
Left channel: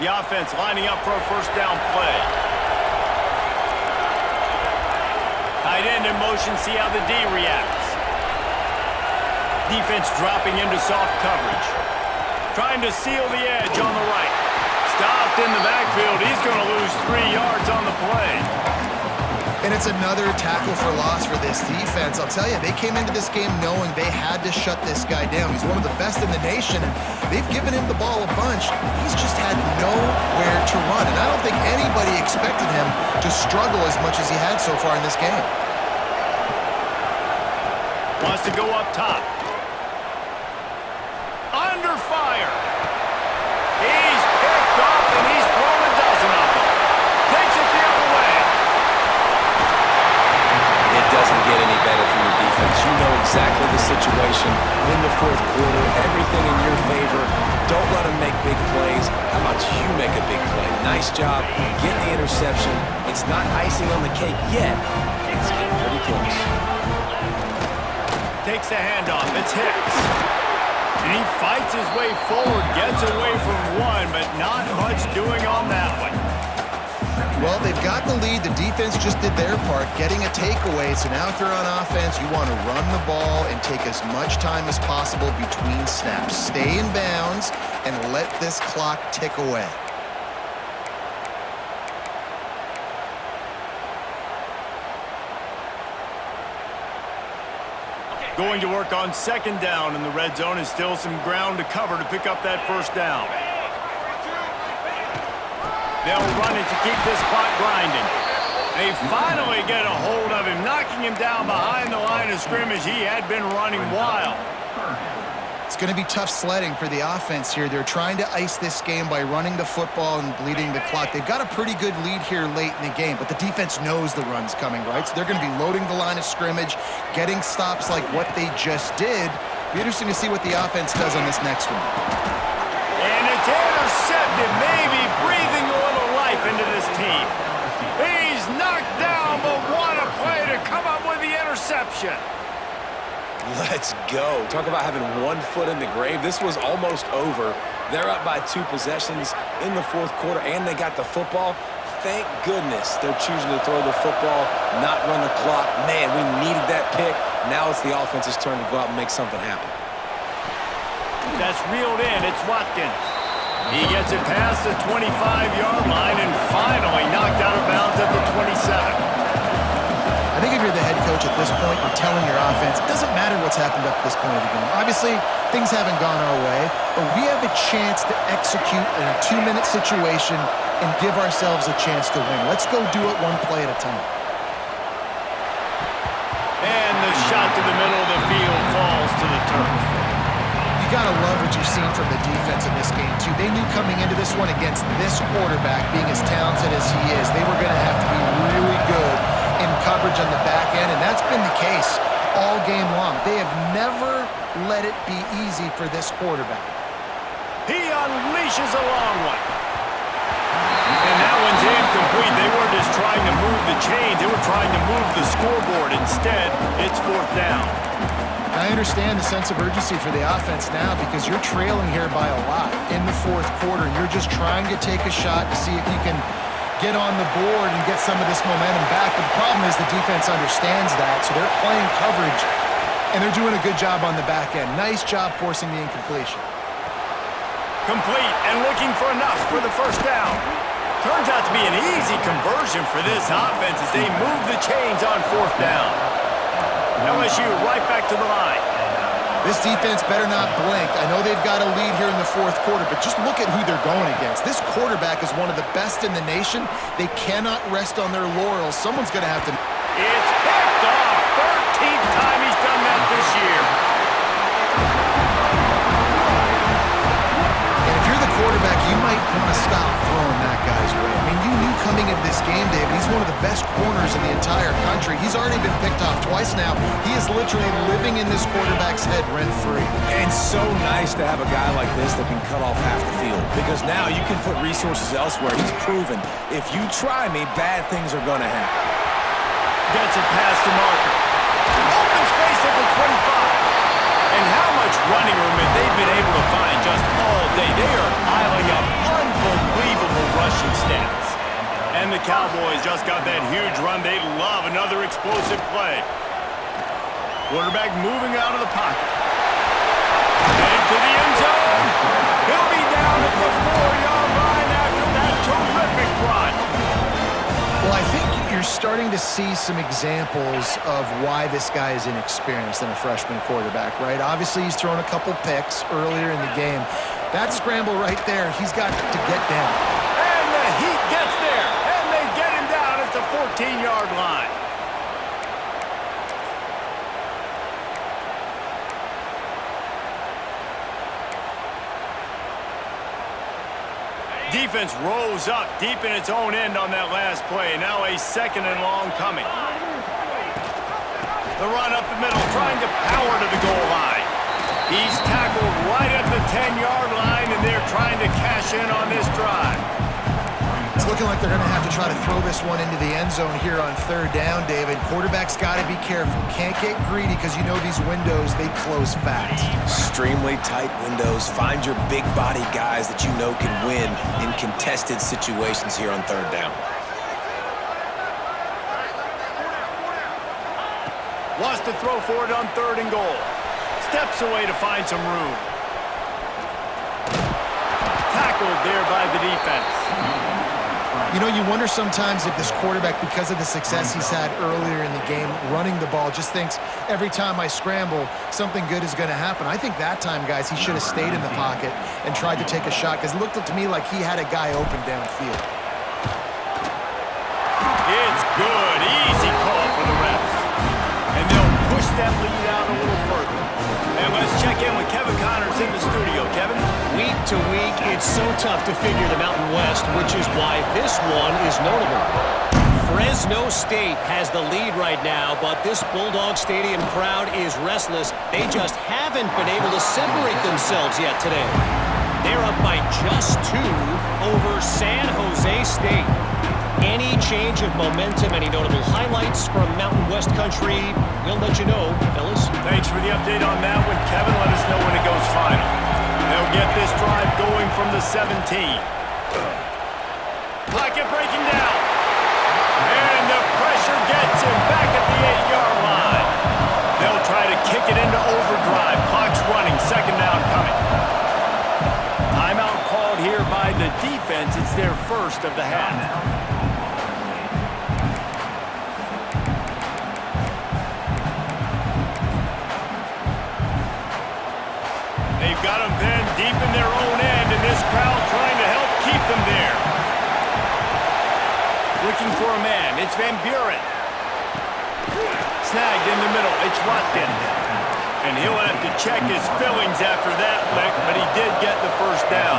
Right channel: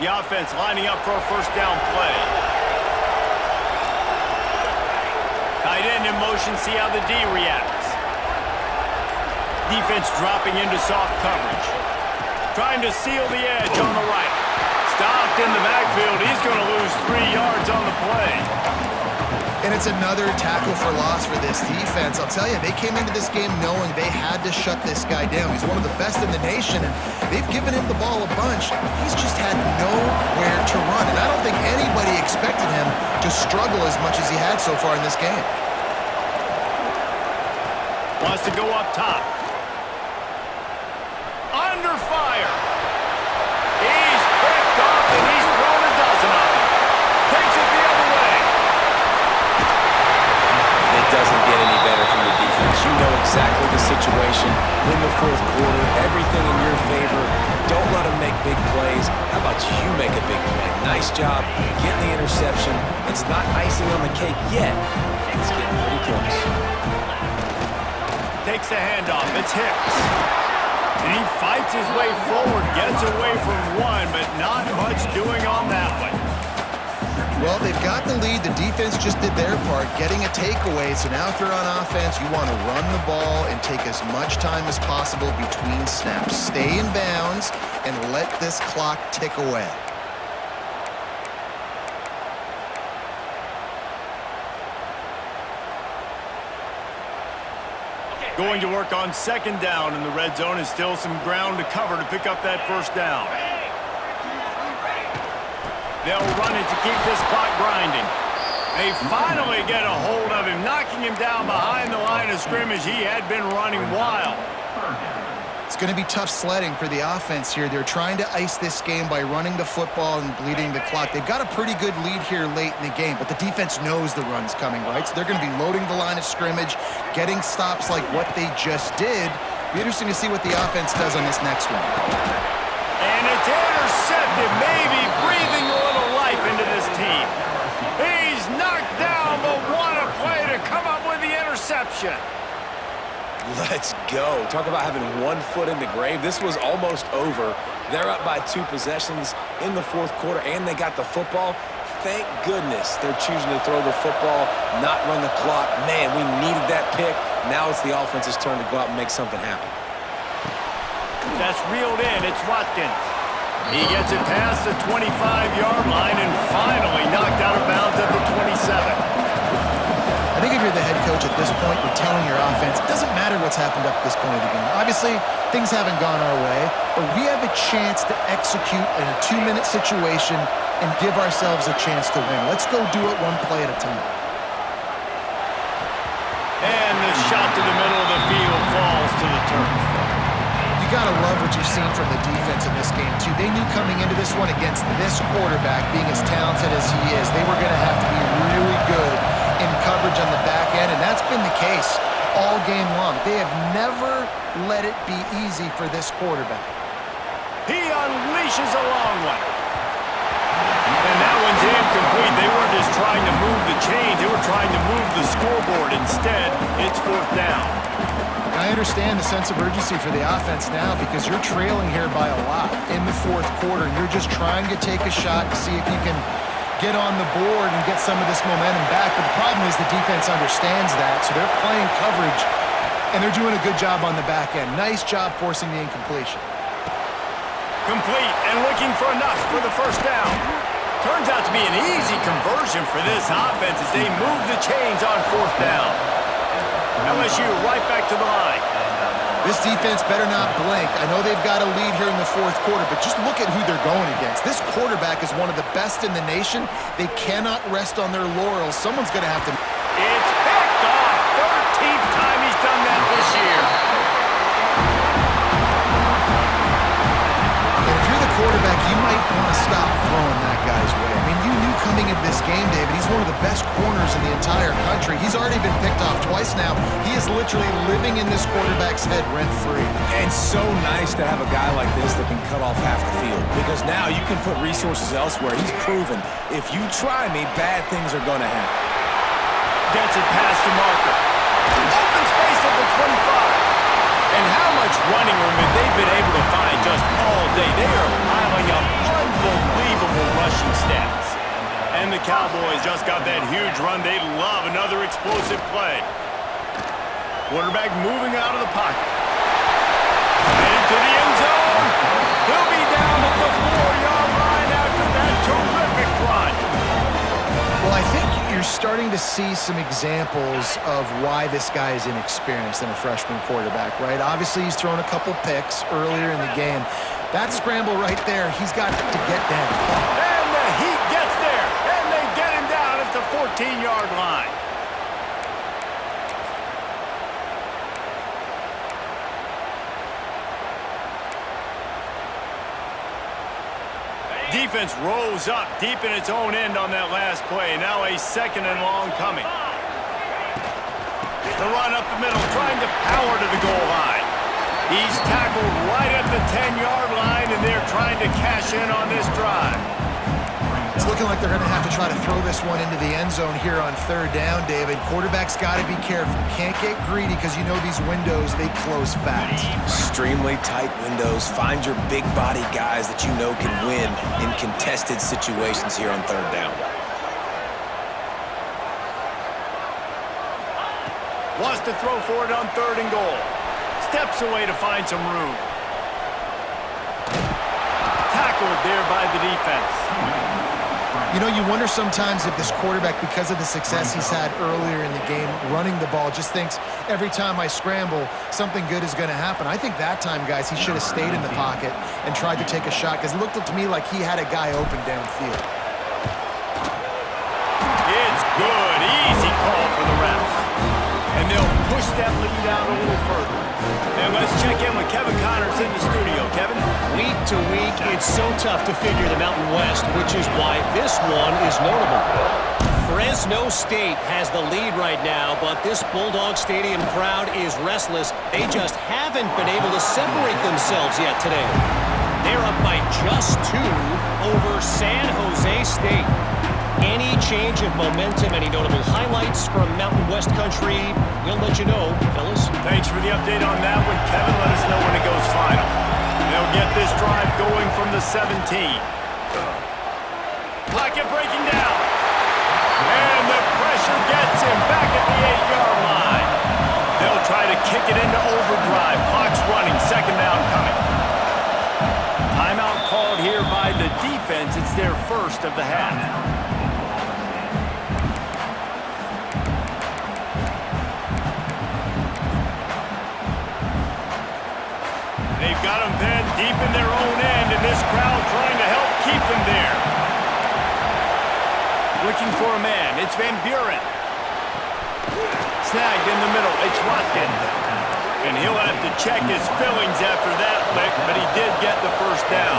The offense lining up for a first down play. Tight end in motion, see how the D reacts. Defense dropping into soft coverage. Trying to seal the edge on the right. Stopped in the backfield. He's going to lose 3 yards on the play. And it's another tackle for loss for this defense. I'll tell you, they came into this game knowing they had to shut this guy down. He's one of the best in the nation, and they've given him the ball a bunch. He's just had nowhere to run, and I don't think anybody expected him to struggle as much as he had so far in this game. Wants to go up top. Under fire. He's picked off, and he's thrown a dozen of them. Takes it the other way. It doesn't get any better for your defense. You know exactly the situation in the fourth quarter. Everything in your favor. Don't let them make big plays. How about you make a big play? Nice job getting the interception. It's not icing on the cake yet. It's getting pretty close. Takes the handoff. It's Hicks. And he fights his way forward, gets away from one, but not much doing on that one. Well, they've got the lead. The defense just did their part, getting a takeaway. So now if you're on offense, you want to run the ball and take as much time as possible between snaps. Stay in bounds and let this clock tick away. Going to work on second down in the red zone, and still some ground to cover to pick up that first down. They'll run it to keep this clock grinding. They finally get a hold of him, knocking him down behind the line of scrimmage. He had been running wild. It's going to be tough sledding for the offense here. They're trying to ice this game by running the football and bleeding the clock. They've got a pretty good lead here late in the game, but the defense knows the run's coming, right? So they're going to be loading the line of scrimmage, getting stops like what they just did. Be interesting to see what the offense does on this next one. And it's intercepted, maybe breathing a little life into this team. He's knocked down, but what a play to come up with the interception. Let's go. Talk about having 1 foot in the grave. This was almost over. They're up by 2 possessions in the fourth quarter, and they got the football. thank goodness they're choosing to throw the football, not run the clock. Man, we needed that pick. Now it's the offense's turn to go out and make something happen. That's reeled in. It's Watkins. He gets it past the 25-yard line and finally knocked out of bounds at the 27. I think if you're the head coach at this point, you're telling your offense, it doesn't matter what's happened up to this point of the game. Obviously, things haven't gone our way, but we have a chance to execute in a 2-minute situation and give ourselves a chance to win. Let's go do it one play at a time. And the shot to the middle of the field falls to the turf. You got to love what you've seen from the defense in this game, too. They knew coming into this one against this quarterback, being as talented as he is, they were going to have to be really good in coverage on the back end, and that's been the case all game long. They have never let it be easy for this quarterback. He unleashes a long one. And that one's incomplete. They weren't just trying to move the chains. They were trying to move the scoreboard. Instead, it's 4th down. I understand the sense of urgency for the offense now because you're trailing here by a lot in the 4th quarter, and you're just trying to take a shot to see if you can get on the board and get some of this momentum back. But the problem is the defense understands that, so they're playing coverage, and they're doing a good job on the back end. Nice job forcing the incompletion. Complete and looking for enough for the 1st down. Turns out to be an easy conversion for this offense as they move the chains on 4th down. LSU right back to the line. This defense better not blink. I know they've got a lead here in the 4th quarter, but just look at who they're going against. This quarterback is one of the best in the nation. They cannot rest on their laurels. Someone's going to have to... It's picked off. 13th time he's done that this year. And if you're the quarterback, you might want to stop throwing that guy's way. I mean, you knew coming into this game, David, he's one of the best corners in the entire country. He's already been picked off twice now. He is literally living in this quarterback's head rent-free. And so nice to have a guy like this that can cut off half the field, because now you can put resources elsewhere. He's proven, if you try me, bad things are going to happen. Gets it past the marker. Open space at the 25. And how much running room have they been able to find just all day? They are piling up unbelievable rushing stats. And the Cowboys just got that huge run. They love another explosive play. Quarterback moving out of the pocket. Into the end zone. He'll be down at the 4-yard line after that terrific run. Well, I think you're starting to see some examples of why this guy is inexperienced in a freshman quarterback, right? Obviously, he's thrown a couple picks earlier in the game. That scramble right there, he's got to get down. And the Heat gets there, and they get him down at the 14-yard line. Defense rose up deep in its own end on that last play. Now a 2nd and long coming. The run up the middle, trying to power to the goal line. He's tackled right at the 10-yard line, and they're trying to cash in on this drive. It's looking like they're going to have to try to throw this one into the end zone here on 3rd down, David. Quarterback's got to be careful. Can't get greedy because you know these windows, they close fast. Extremely tight windows. Find your big body guys that you know can win in contested situations here on 3rd down. Wants to throw for it on 3rd and goal. Steps away to find some room. Tackled there by the defense. You know, you wonder sometimes if this quarterback, because of the success he's had earlier in the game, running the ball, just thinks every time I scramble, something good is going to happen. I think that time, guys, he should have stayed in the pocket and tried to take a shot because it looked to me like he had a guy open downfield. It's good. Easy call for the refs. And they'll push that lead out a little further. And let's check in with Kevin Connors in the studio. Kevin? Week to week, it's so tough to figure the Mountain West, which is why this one is notable. Fresno State has the lead right now, but this Bulldog Stadium crowd is restless. They just haven't been able to separate themselves yet today. They're up by just 2 over San Jose State. Any change of momentum, any notable highlights from Mountain West country, we'll let you know, fellas. Thanks for the update on that one, Kevin. Let us know when it goes final. They'll get this drive going from the 17. Puck pocket breaking down. And the pressure gets him back at the 8-yard line. They'll try to kick it into overdrive. Clock's running, second down coming. Timeout called here by the defense. It's their first of the half. They've got them pinned deep in their own end, and this crowd trying to help keep them there. Looking for a man. It's Van Buren. Snagged in the middle. It's Watkins. And he'll have to check his fillings after that lick, but he did get the first down.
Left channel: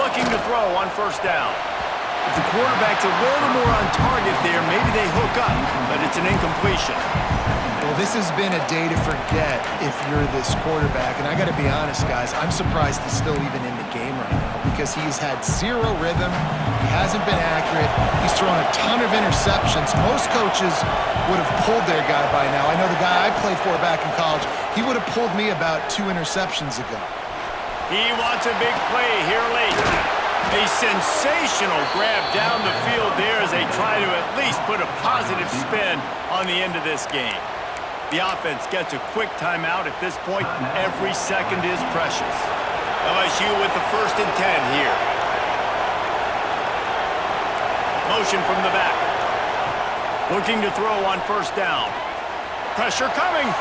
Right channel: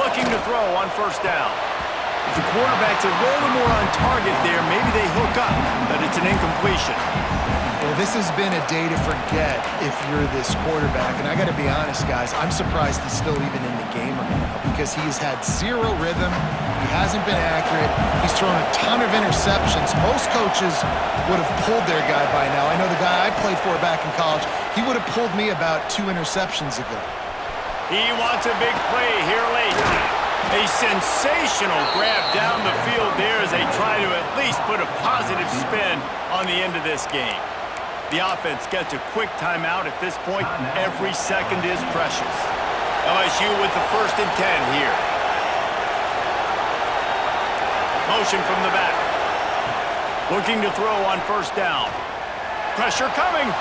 Looking to throw on first down. If the quarterback's a little more on target there, maybe they hook up, but it's an incompletion. Well, this has been a day to forget if you're this quarterback. And I got to be honest, guys, I'm surprised he's still even in the game right now because he's had zero rhythm. He hasn't been accurate. He's thrown a ton of interceptions. Most coaches would have pulled their guy by now. I know the guy I played for back in college, he would have pulled me about 2 interceptions ago. He wants a big play here late. A sensational grab down the field there as they try to at least put a positive spin on the end of this game. The offense gets a quick timeout at this point. Every second is precious. LSU with the 1st and 10 here. Motion from the back. Looking to throw on first down. Pressure coming.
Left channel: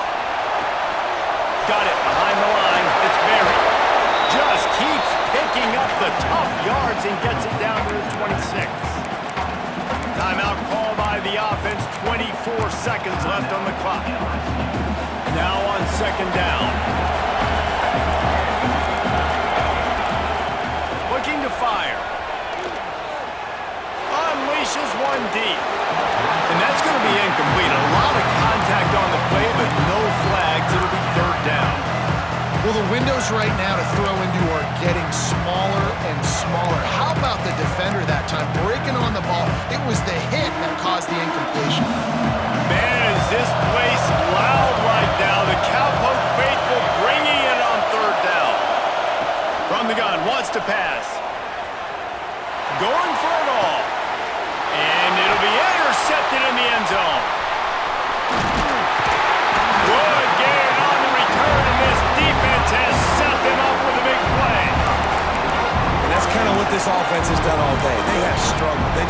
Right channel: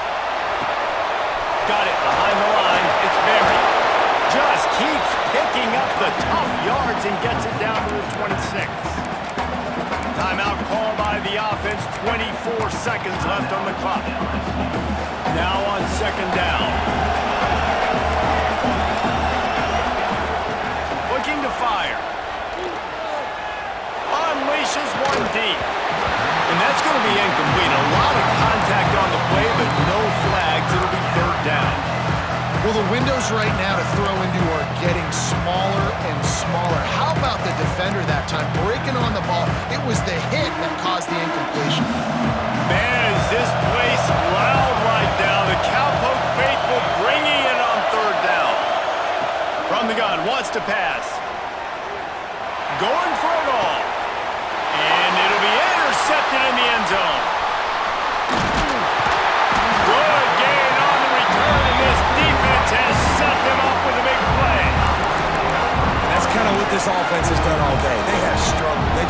Got it behind the line. It's Berry. Just keeps picking up the tough yards and gets it down to the 26. Timeout call by the offense. 24 seconds left on the clock. Now on second down. Looking to fire. Unleashes one deep. And that's going to be incomplete. A lot of contact on the play, but no flags. It'll be third down. Well, the windows right now to throw into are getting smaller and smaller. How about the defender that time breaking on the ball? It was the hit that caused the incompletion. Man, is this place loud right now. The Cowpoke faithful bringing it on third down. From the gun, wants to pass. Going for it all. And it'll be intercepted in the end zone. Good gain on the return, and this defense has set them up with a big play. And that's kind of what this offense has done all day. They have struggled. They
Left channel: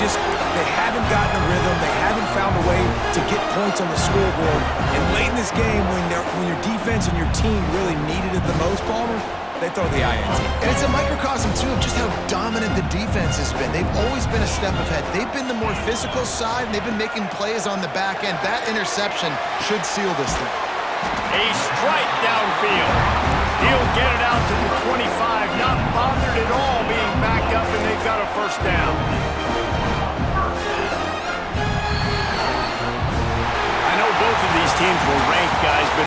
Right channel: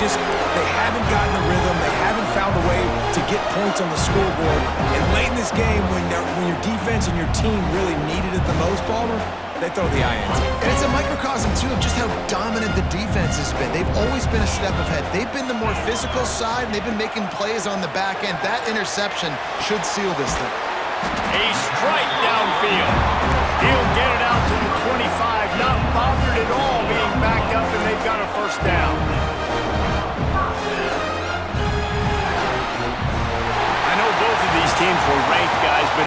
haven't gotten a rhythm. They haven't found a way to get points on the scoreboard. And late in this game, when your defense and your team really needed it the most, Palmer, they throw the INT. And it's a microcosm, too, of just how dominant the defense has been. They've always been a step ahead. They've been the more physical side, and they've been making plays on the back end. That interception should seal this thing. A strike downfield. He'll get it out to the 25, not bothered at all being backed up, and they've got a first down. I know both of these teams were ranked, guys, but